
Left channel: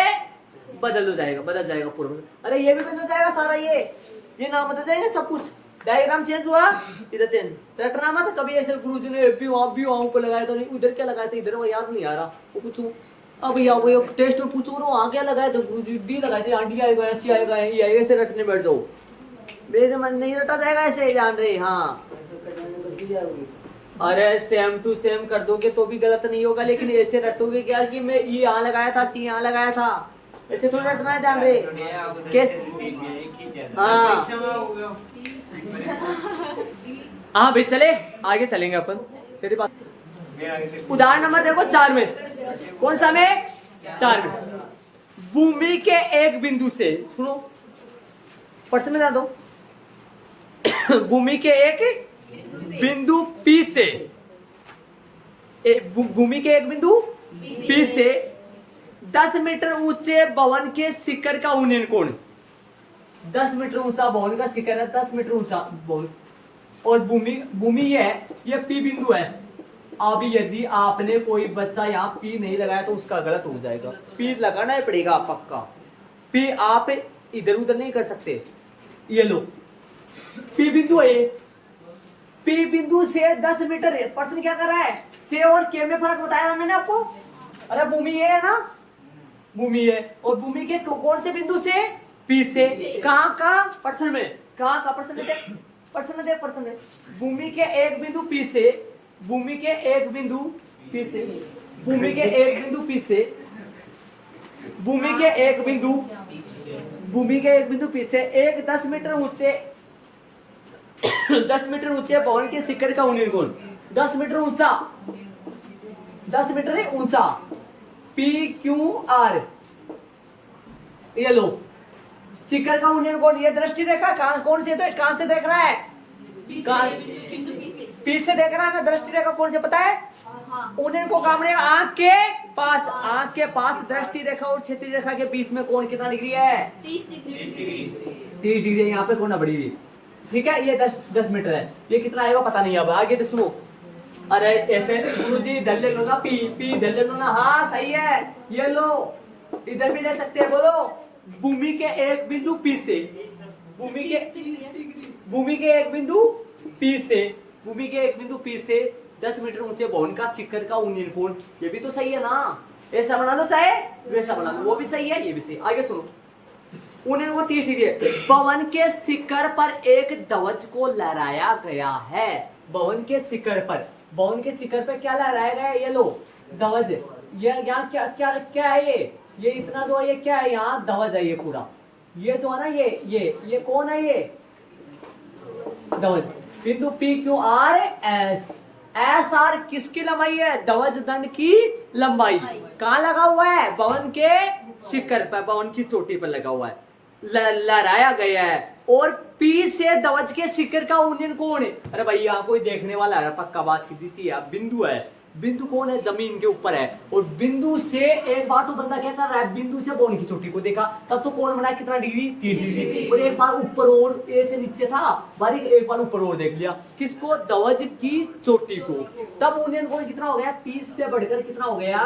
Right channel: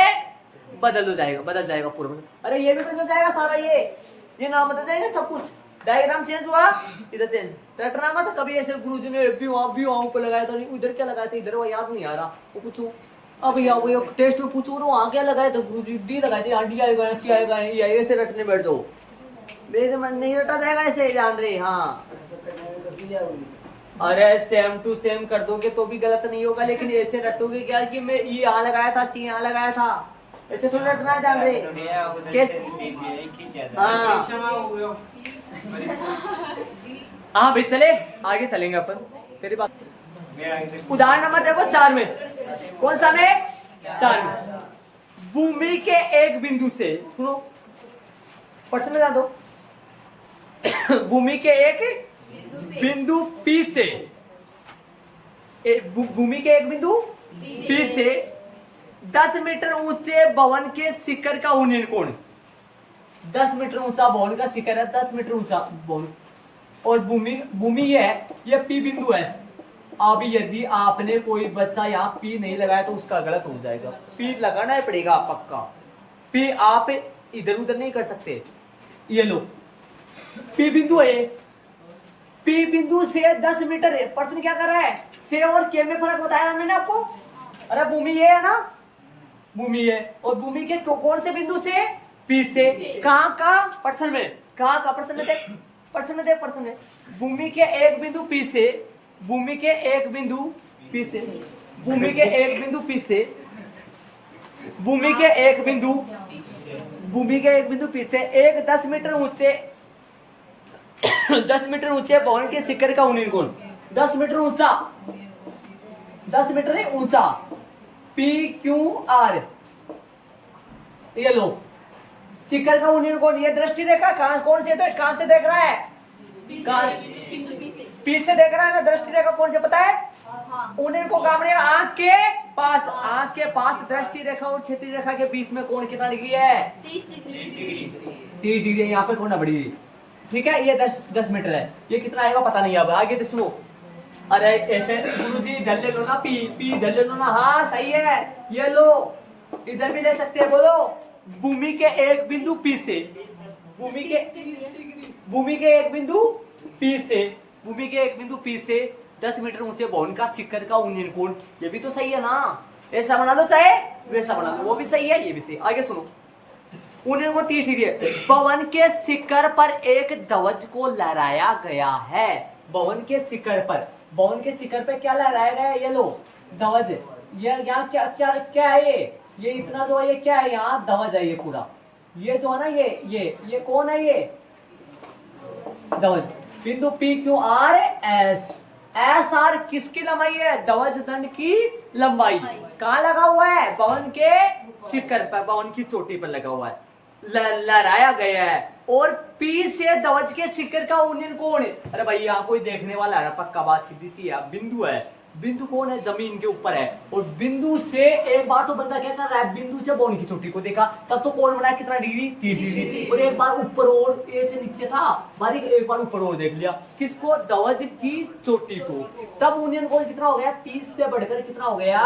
बदल जाएगा पूरा। अरे ये भी बदल जाएगा सारा, ये नाम बदल जाएगा, सब कुछ। डायग्राम चेंज हुआ, इधर चेंज। रटना मत कभी ऐसे गुरुजी ने भी वहां ऊपर लगाया था, उधर क्या लगाया था, इधर वो याद नहीं आ रहा, वो पूछो। अब वो टेस्ट में पूछो ना, वहां क्या लगाया था गुरुजी? डी लगाए थे, डी आएगा, एस आएगा, ऐसे रटने बैठ जाओ, मेरे मन नहीं रटा जाएगा ऐसे, जान रहे। हाँ, अरे सेम टू सेम कर दोगे तो भी गलत नहीं होगा, लेकिन ऐसे रटोगे क्या कि मैं ई यहाँ लगाया था, सी यहाँ लगाया था, ऐसे थोड़ा रटना है, जान रहे। हाँ भाई, चले आगे चलेंगे अपन, तेरी बात। उदाहरण नंबर देखो 4 में, कौन सा में? 4 में। भूमि के एक बिंदु से, सुनो प्रश्न में दो, भूमि के एक बिंदु P से, भूमि के एक बिंदु P से 10 मीटर ऊंचे भवन के शिखर का उन्नयन कोण। 10 मीटर ऊंचा भवन का शिखर है, 10 मीटर ऊंचा भवन, और भूमि ये P बिंदु है। अब यदि आपने कोई बच्चा यहाँ P नहीं लगाया तो उसका गलत हो जाएगा, P लगाना ही पड़ेगा पक्का। P आप इधर उधर नहीं कर सकते। ये लो P बिंदु है, P बिंदु से 10 मीटर है। प्रश्न क्या कर रहा है? से और के में फर्क बताया मैंने आपको। अरे भूमि ये है ना, भूमि है, और भूमि के कौन से बिंदु से? P से। कहाँ का? प्रश्न में कहाँ का? प्रश्न में देख, प्रश्न में देख, प्रश्न में भूमि के एक बिंदु P से, भूमि के एक बिंदु P से, भूमि के एक बिंदु P से, भूमि के एक बिंदु, भूमि के एक बिंदु P से एक 10 मीटर ऊंचे 10 मीटर ऊंचे भवन के शिखर का उन्नयन कोण। 10 मीटर ऊंचा, 10 मीटर है ऊंचा, P Q R, ये लो शिखर का यूनियन कोण, ये दृष्टि रेखा कौन से देख रहा है, पी से देख रहा है ना, दृष्टि रेखा कौन से पता है, यूनियन को काम नहीं, आंख के पास दृष्टि रेखा और क्षैतिज रेखा के बीच में कोण कितना डिग्री है, 30 डिग्री है, यहाँ पे कोण बड़ी हुई, ठीक है। ये 10 मीटर है, ये कितना आएगा पता नहीं। अब आगे तो सुनो, अरे ऐसे गुरु जी इधर ले लो ना, पी इधर ले लो ना, हाँ सही है, ये लो, इधर भी ले सकते हैं। बोलो भूमि के एक बिंदु पी से, भूमि के एक बिंदु पी से 10 मीटर ऊंचे भवन का शिखर का यूनियन कोण, ये भी तो सही है ना, ऐसा बना लो चाहे वैसा बना लो, वो भी सही है ये भी सही। आगे सुनो, यूनियन कोण 30 डिग्री है। भवन के शिखर पर एक ध्वज को लहराया गया है, भवन के शिखर पे क्या लहराया गया है, ये लो ध्वज, ये यहाँ क्या है, ये इतना जो है ये क्या है, यहाँ ध्वज है, ये पूरा ये जो है ना, ये कौन है, ये ध्वज। बिंदु P Q R S R किसकी लंबाई है, ध्वज दंड की लंबाई। कहाँ लगा हुआ है, भवन के शिखर पर, भवन की चोटी पर लगा हुआ है, लहराया गया है। और पी से ध्वज के शिखर का यूनियन कोण है, अरे भाई यहाँ कोई देखने वाला है, पक्का बात सीधी सी है, बिंदु है, बिंदु कौन है, जमीन के ऊपर है, और बिंदु से एक बार तो बंदा क्या कर रहा है, बिंदु से भवन की चोटी को देखा, तब तो कोण बना कितना डिग्री, 30 डिग्री, और एक बार ऊपर और ए से नीचे था बारीक, एक बार ऊपर और देख लिया, किसको, ध्वज की चोटी को, तब यूनियन कोण कितना हो गया, 30 से बढ़कर कितना हो गया,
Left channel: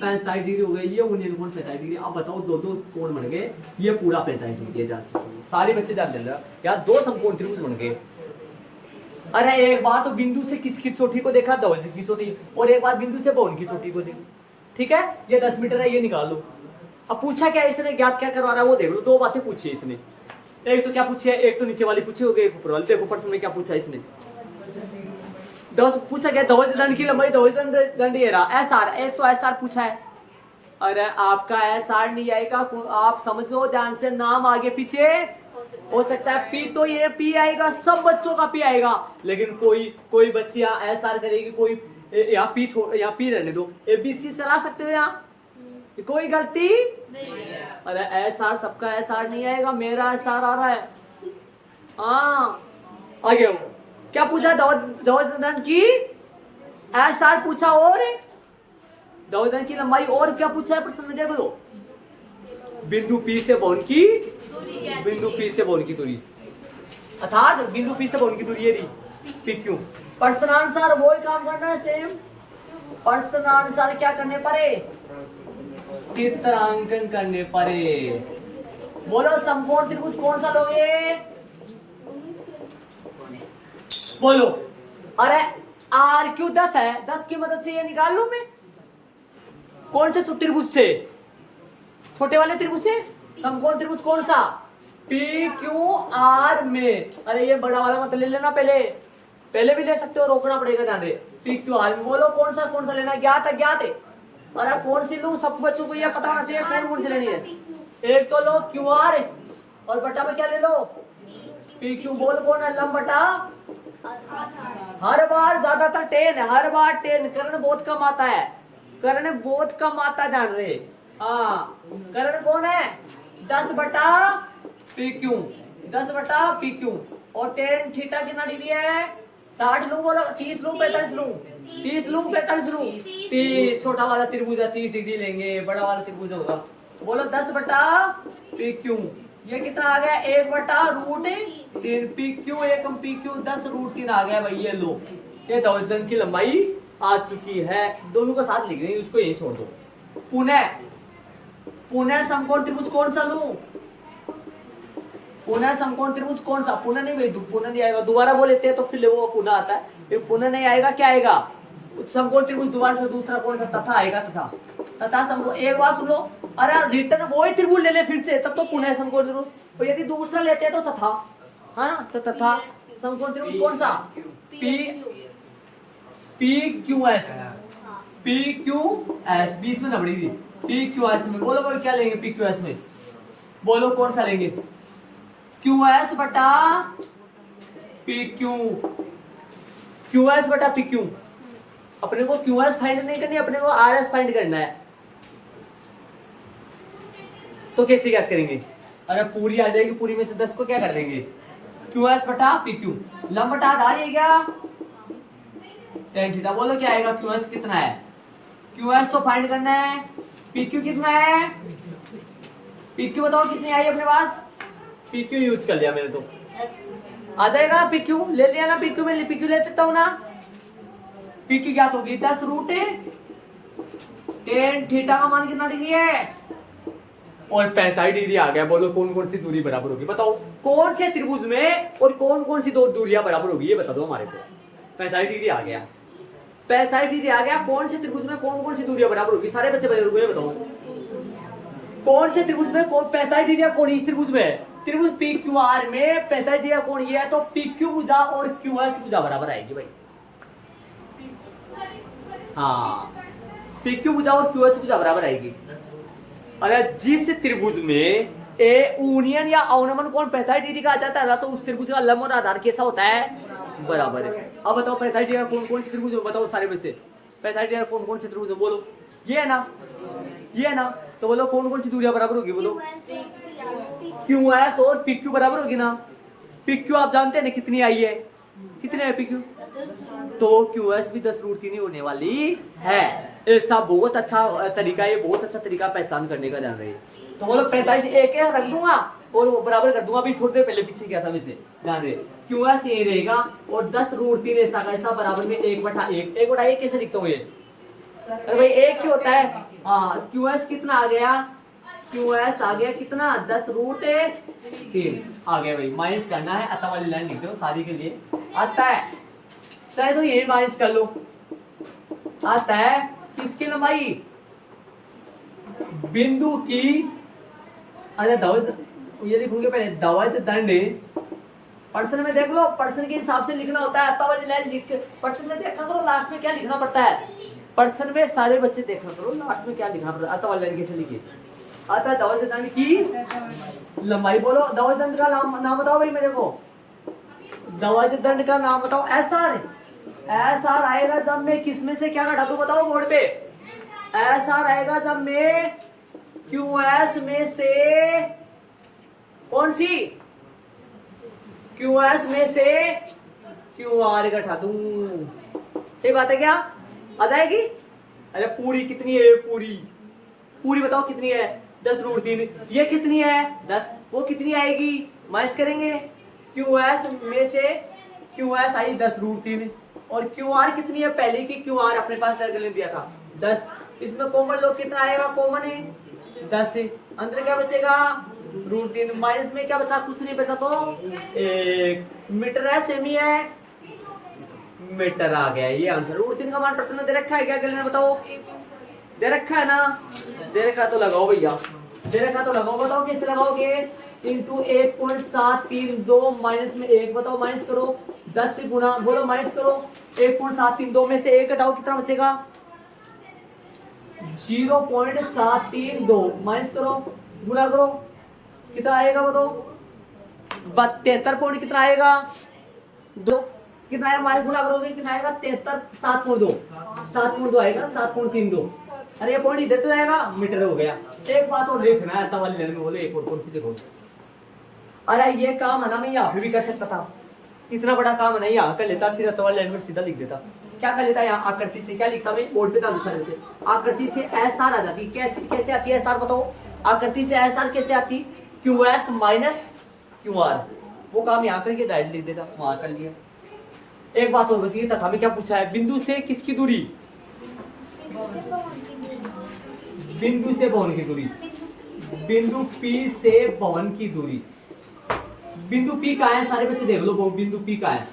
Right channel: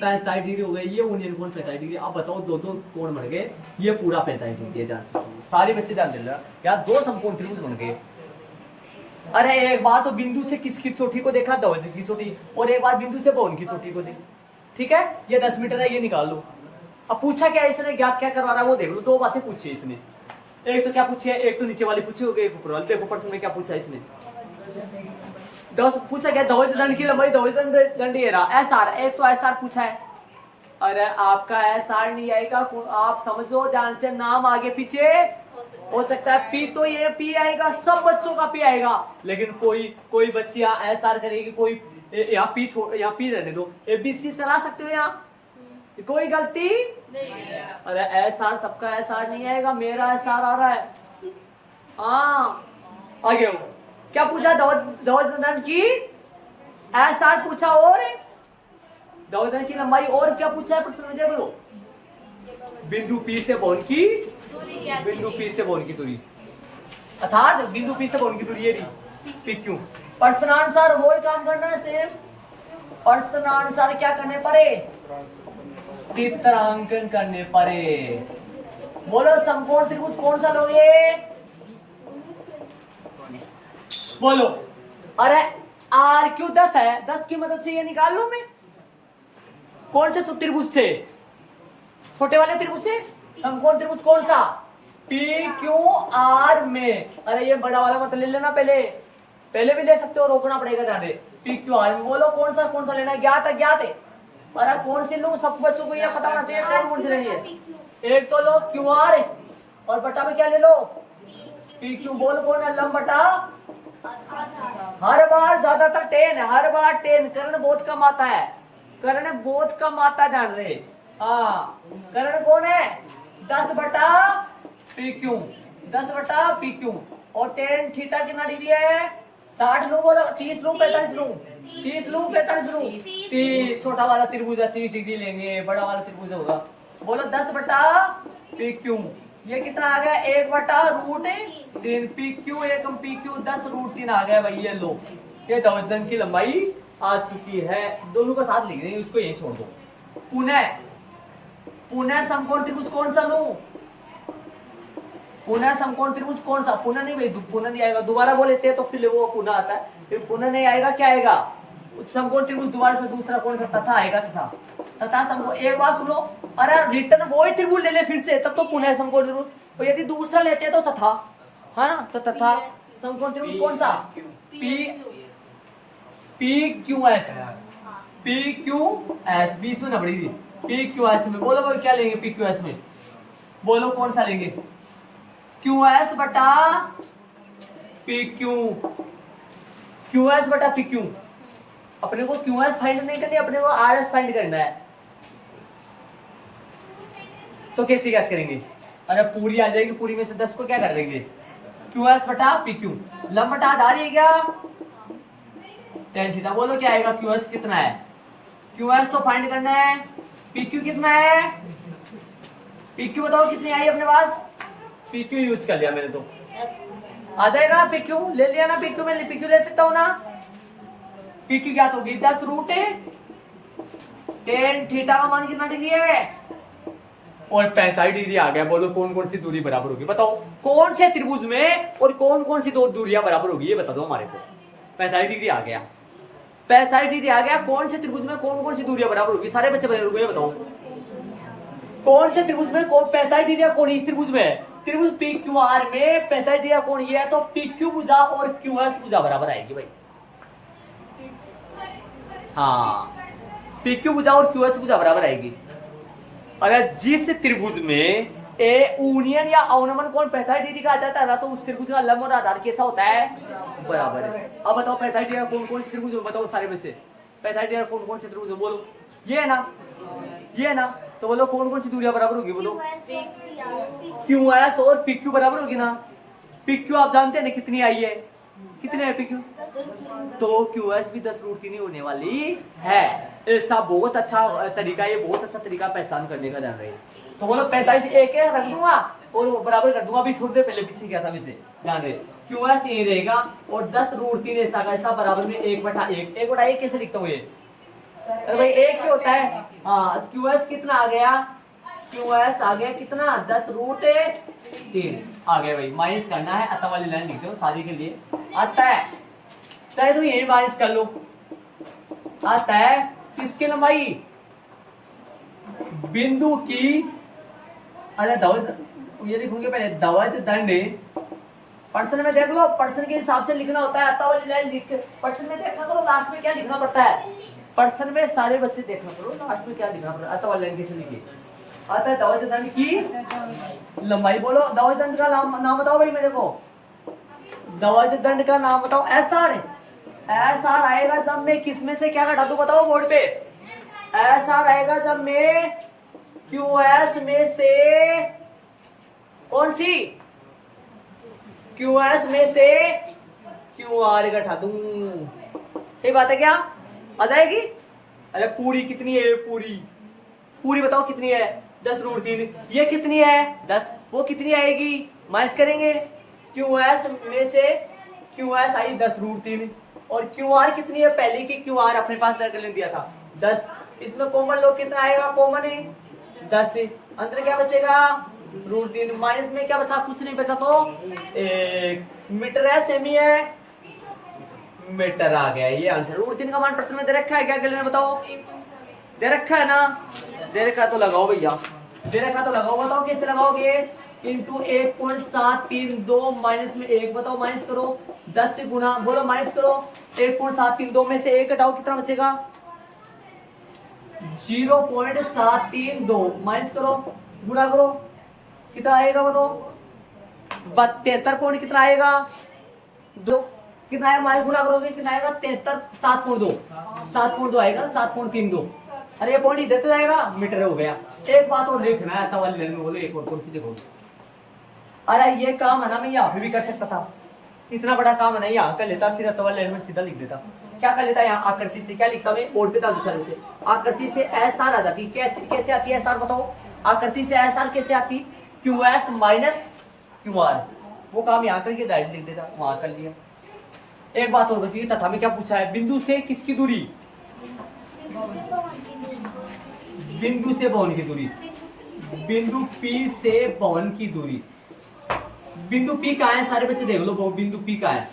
45 डिग्री हो गया, ये यूनियन कोण 45 डिग्री। अब बताओ दो कोण बन गए, ये पूरा 45 डिग्री है, सारे बच्चे जान ले रहा यार, 2 समकोण त्रिभुज बन गए। अरे एक बार तो बिंदु से किसकी चोटी को देखा, ध्वज की चोटी, और एक बार बिंदु से भवन की चोटी को देखा, ठीक है। ये 10 मीटर है, ये निकाल लो। अब पूछा क्या इसने, ज्ञात क्या करवा रहा है वो देख लो, 2 बातें पूछी इसने, एक तो क्या पूछी है, एक तो नीचे वाली पूछी होगी, एक ऊपर वाली। देखो प्रश्न में क्या पूछा इसने, 10 पूछा गया, ध्वज दंड की लंबाई, ध्वज दंड ये रहा, एस आर, एक तो एस आर पूछा है। अरे आपका एस आर नहीं आएगा, आप समझो ध्यान से, नाम आगे पीछे हो सकता है, पी तो ये पी आएगा, सब बच्चों का पी आएगा, लेकिन कोई बच्ची यहाँ एस आर करेगी, कोई यहाँ पी रहने दो, एबीसी चला सकते हो यहाँ, कोई गलती नहीं। अरे एस आर, सबका एस आर नहीं आएगा, मेरा एस आर आ रहा है। हाँ आगे हो, क्या पूछा, ध्वज दंड की एस आर पूछा, और ध्वज दंड की लंबाई, और क्या पूछा है प्रश्न में, देखो बिंदु पी से भवन की दूरी, अर्थात बिंदु पी से भवन की दूरी, ये पी क्यू। प्रश्नानुसार वो ही काम करना है, सेम प्रश्नानुसार क्या करने पड़े, चित्रांकन करने पड़े। बोलो समकोण त्रिभुज कौन सा लोगे, बोलो। अरे आर क्यू 10 है, 10 की मदद से ये निकाल लूं मैं, कौन से त्रिभुज से, छोटे वाले त्रिभुज से। समकोण त्रिभुज कौन सा, पी क्यू आर में, अरे ये बड़ा वाला मत ले लेना, पहले भी ले सकते हो, रोकना पड़ेगा ध्यान दे, पी क्यू आर में। बोलो कौन सा लेना है, ज्ञात है। अरे कौन सी लूं, सब बच्चों को ये पता होना चाहिए कौन सी लेनी है। एक तो लो क्यू आर, और बटा में क्या ले लो, पी क्यू। बोल कौन है, लंब बटा, हर बार ज्यादातर 10 है, हर बार 10, कर्ण बहुत कम आता है, ध्यान रहे। हाँ कर्ण कौन है, 10 बटा पी क्यू, 10 बटा पी क्यू, और टेन थीटा कितना डिग्री है, 60 लूं, बोलो 30 लूं, 45 लूं, 30 लूं, 45 लूं, 30। छोटा वाला त्रिभुज है, 30 डिग्री लेंगे, बड़ा वाला त्रिभुज होगा। बोलो 10 बटा पी क्यू, ये कितना आ गया, 1 बटा √3, पी क्यू एकम पी क्यू 10 √3 आ गया भाई, ये लो, ये ध्वज दंड की लंबाई आ चुकी है। दोनों को साथ लिख देंगे, उसको यही छोड़ दो। पुनः समकोण त्रिभुज कौन सा लूं, पुनः समकोण त्रिभुज कौन सा, पुनः नहीं आएगा, दोबारा बोल लेते हैं तो फिर वो पुनः आता है, फिर पुनः नहीं आएगा, क्या आएगा, समकोण त्रिभुज दोबारा से दूसरा कौन सा, तथा आएगा, तथा समकोण। एक बात सुनो, अरे रिटर्न वही त्रिभुज ले ले फिर से, तब तो पुनः समकोण त्रिभुज, और यदि दूसरा लेते हैं तो तथा, है ना, तो तथा समकोण त्रिभुज कौन सा, पी क्यू एस, बीच में नबड़ी थी, पी क्यू एस में। बोलो भाई क्या लेंगे पी क्यू एस में, बोलो कौन सा लेंगे, क्यू एस बटा पी क्यू, अपने को क्यू एस फाइंड नहीं करनी, अपने को आर एस फाइंड करना है। तो कैसे याद करेंगे, अरे पूरी आ जाएगी, पूरी में से 10 को क्या कर देंगे, क्यू एस बटा पी क्यू। लंब बटा आधार है क्या, टेन थीटा। बोलो क्या आएगा, क्यू एस कितना है, क्यू एस तो फाइंड करना है, पी क्यू कितना है, पी क्यू बताओ कितनी आई अपने पास, पी क्यू यूज कर लिया मैंने तो, आ जाएगा ना पी क्यू, ले लिया ना पी क्यू, में पी क्यू ले सकता हूँ ना। पी क्यू क्या होगी, 10 रूट टेन थीटा का मान कितना डिग्री है, और 45 डिग्री आ गया। बोलो कौन कौन सी दूरी बराबर होगी, बताओ कौन से त्रिभुज में और कौन कौन सी दो दूरियां बराबर होगी, ये बता दो हमारे को। 45 डिग्री आ गया, 45 डिग्री आ गया, कौन से त्रिभुज में कौन कौन सी दूरियां बराबर होगी, सारे बच्चे बता दो, ये बताओ कौन से त्रिभुज में कौन 45 डिग्री कौन, इस त्रिभुज में, त्रिभुज पी क्यू आर में 45 डिग्री कौन ये है, तो पी क्यू भुजा और क्यू एस भुजा बराबर आएगी भाई। हाँ, पी क्यू भुजा और क्यू एस भुजा बराबर आएगी। अगर जिस त्रिभुज में ए यूनियन या अवनमन कोण 45 डिग्री का आ जाता है तो उस त्रिभुज का लंब और आधार कैसा होता है, बराबर है। अब बताओ 45 डिग्री कौन कौन से त्रिभुज, बताओ सारे में से 45 डिग्री कौन कौन से त्रिभुज, बोलो ये है ना, ये है ना, तो बोलो कौन कौन सी दूरियां बराबर होगी, बोलो क्यू एस और पी क्यू बराबर होगी ना। पी क्यू आप जानते हैं ना कितनी आई है, कितने है पी क्यू, तो क्यू एस भी 10 रूट 3 ही होने वाली है। ऐसा बहुत अच्छा तरीका, ये बहुत अच्छा तरीका पहचान करने का, ध्यान रहे। तो बोलो 45 एक रख दूंगा और बराबर कर दूंगा, अभी थोड़ी देर पहले पीछे गया था वैसे, ध्यान रहे। क्यू एस ये रहेगा और 10 रूट 3 ऐसा का ऐसा बराबर में 1/1, 1/1 कैसे लिखता हूँ ये, अरे भाई एक ही होता है। हाँ, क्यू एस कितना आ गया, क्यू एस आ गया कितना, 10 रूट 3 आ गया भाई। माइनस करना है, अतः वाली लाइन लिखते हो सारी के लिए आता है, चाहे तो यही माइनस कर लो, आता है। किसकी लंबाई, बिंदु की, अरे दवज, ये लिखोगे पहले दवज दंड, पर्सन में देख लो, पर्सन के हिसाब से लिखना होता है, अतः वाली लाइन लिख, पर्सन में देखा तो लास्ट में क्या लिखना पड़ता है, पर्सन में सारे बच्चे देखना करो लास्ट में क्या लिखना पड़ता है, अतः वाली लाइन कैसे लिखिए, अतः दवज दंड की लंबाई। बोलो दवज दंड का नाम बताओ भाई मेरे को, दवज दंड का नाम बताओ। एस आर आएगा जब मैं किस में से क्या घटा दूं, बताओ बोर्ड पे। एस आर आएगा जब मैं क्यू एस में से कौन सी, क्यू एस में से क्यू आर घटा दूं, सही बात है क्या, आ जाएगी। अरे पूरी कितनी है, पूरी पूरी बताओ कितनी है, 10 रूट 3, ये कितनी है 10, वो कितनी आएगी, माइनस करेंगे। क्यू एस में से क्यू एस आई 10 रूट 3 और क्यू आर कितनी है, पहले की क्यू आर अपने पास दिया था 10, इसमें कॉमन लो कितना आएगा, कॉमन है 10 है, अंदर क्या बचेगा रूट 3, माइनस में क्या बचा, कुछ नहीं बचा, तो 1 मीटर है, सेमी है, मीटर आ गया ये आंसर। रूट 3 का मान प्रश्न में दे रखा है क्या, गले बताओ, दे रखा है ना, दे रखा तो लगाओ भैया, दे रखा तो लगाओ, बताओ कैसे लगाओगे, इंटू 1.732 माइनस में 1, बताओ माइनस करो, 10 से गुना, बोलो माइनस करो, 1.732 में से 1 घटाओ कितना बचेगा, 0.732 माइनस करो, गुना करो कितना आएगा, बताओ 73 पॉइंट कितना आएगा, 2 कितना आएगा, माइनस गुना करोगे कितना आएगा, 73 7.2 आएगा, 7.32। अरे ये पॉइंट इधर तो जाएगा, मीटर हो गया। एक बात और देखना है, अतः वाली लाइन में बोले एक और कौन सी देखो, अरे ये काम है ना, मैं यहाँ पे भी कर सकता था, इतना बड़ा काम है ना, यहाँ कर लेता, फिर अतः वाली लाइन में सीधा लिख देता। क्या कर लेता, यहाँ आकृति से क्या लिखता मैं, बोर्ड पे था दूसरे से, आकृति से एस आर आ जाती, कैसे कैसे आती है एस आर, बताओ आकृति से एस आर कैसे आती, Q S minus Q R, वो काम यहाँ करके डायरेक्ट लिख देता, वहां कर लिया। एक बात और बची, तथा में क्या पूछा है, बिंदु से किसकी दूरी, बिंदु से भवन की दूरी, बिंदु पी से भवन की दूरी, बिंदु पी कहाँ है, सारे बच्चे देख लो, बिंदु पी कहाँ है,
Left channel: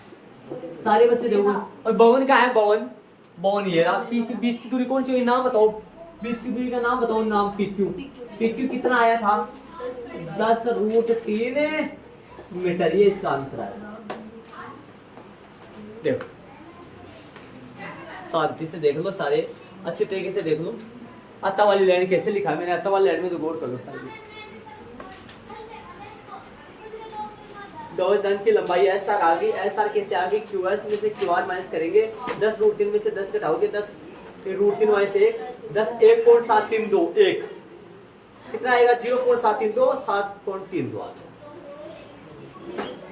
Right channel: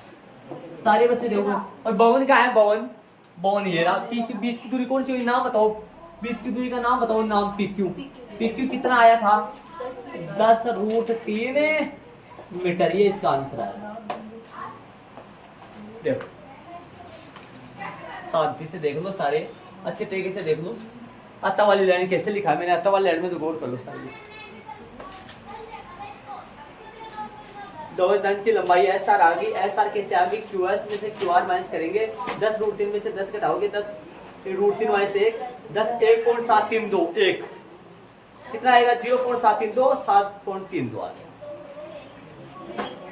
सारे बच्चे देखो, और भवन कहाँ है, भवन, भवन ये रहा, पी के बीच की दूरी कौन सी हुई, नाम बताओ, बीच की दूरी का नाम बताओ, नाम पी क्यू, पी क्यू कितना आया था 10 रूट 3 मीटर, ये इसका आंसर आया। देखो शांति से देख लो, सारे अच्छे तरीके से देख लो, अतः वाली लाइन कैसे लिखा है मैंने, अतः वाली लाइन में तो गौर कर लो सारे। दो दंड की लंबाई एस आर आ गई, एस आर कैसे आ गई, क्यू एस में से क्यू आर माइनस करेंगे, 10 रूट 3 में से 10 घटाओगे, 10 रूट 3 माइनस 1, 10 1.732 1, कितना आएगा 0.732 7.32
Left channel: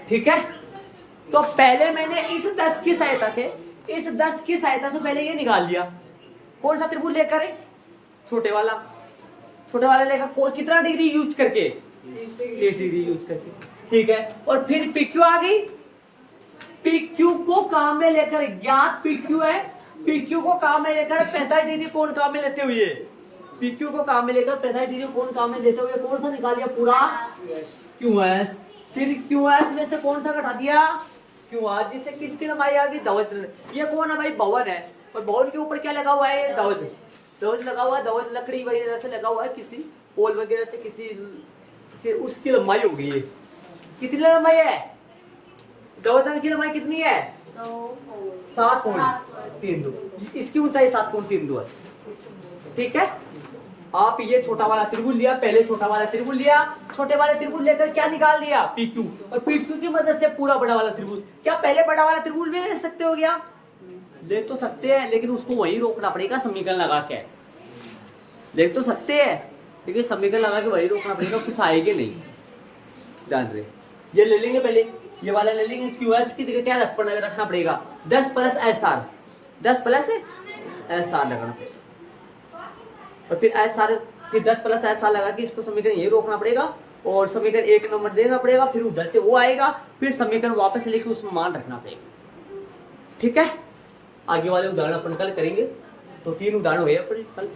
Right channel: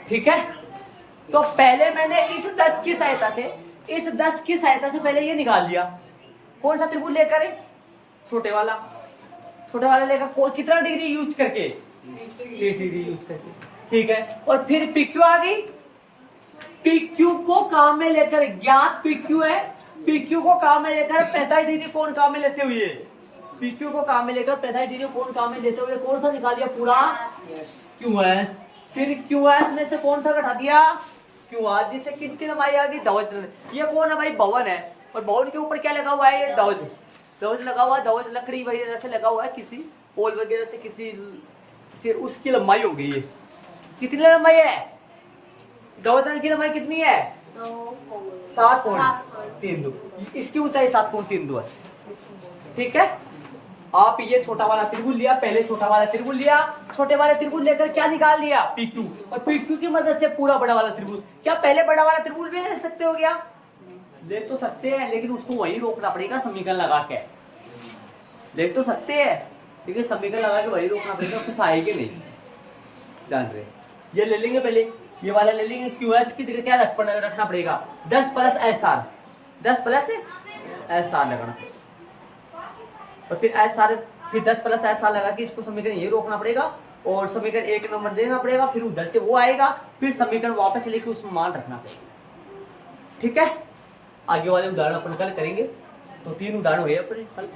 ठीक है। तो पहले मैंने इस 10 की सहायता से पहले ये निकाल लिया। कौन सा त्रिभुज लेकर छोटे वाला लेकर कितना डिग्री यूज करके 30 डिग्री यूज करके ठीक है। और फिर PQ आ गई, PQ को काम में लेकर ज्ञात PQ है, PQ को काम में लेकर 45 डिग्री कोण काम में लेते हुए PQ को काम में लेकर 45 डिग्री कोण काम में लेते हुए कौन सा निकाल लिया पूरा QS। फिर QS में से कौन सा घटा दिया QR, जिससे किसकी लंबाई आ गई धवज। ये कौन है भाई भवन है, और भवन के ऊपर क्या लगा हुआ है ये धवज लगा हुआ है। धवज लकड़ी वगैरह से लगा हुआ है, किसी पोल वगैरह से किसी से उसकी लंबाई हो गई है। कितनी लंबाई है धवज की लंबाई कितनी है 7.32, इसकी ऊंचाई 7.32 है ठीक है। आप ये छोटा वाला त्रिभुज लिया, पहले छोटा वाला त्रिभुज लिया, छोटे वाले त्रिभुज लेकर क्या निकाल लिया PQ, और PQ की मदद से पूरा बड़ा वाला त्रिभुज। क्या पहले बड़ा वाला त्रिभुज भी ले सकते हो क्या, ले तो सकते हैं, लेकिन उसको वहीं रोकना पड़ेगा समीकरण लगा के। ले तो सकते हैं लेकिन समीकरण लगा के वहीं रोकना पड़ेगा, कुछ आएगा नहीं जान रहे। ये ले लेंगे पहले, ये वाला ले लेंगे। QS की जगह क्या रखना पड़ेगा 10 + SR, 10 + SR लगाना, और फिर SR, फिर 10 + SR लगा के इसको समीकरण यही रोकना पड़ेगा, और समीकरण 1 नंबर देना पड़ेगा, फिर उधर से वो आएगा, फिर समीकरण वापस लेके उसमें मान रखना पड़ेगा ठीक है। आगे वाले उदाहरण अपन कल करेंगे। तो 3 उदाहरण हुए अपन कल।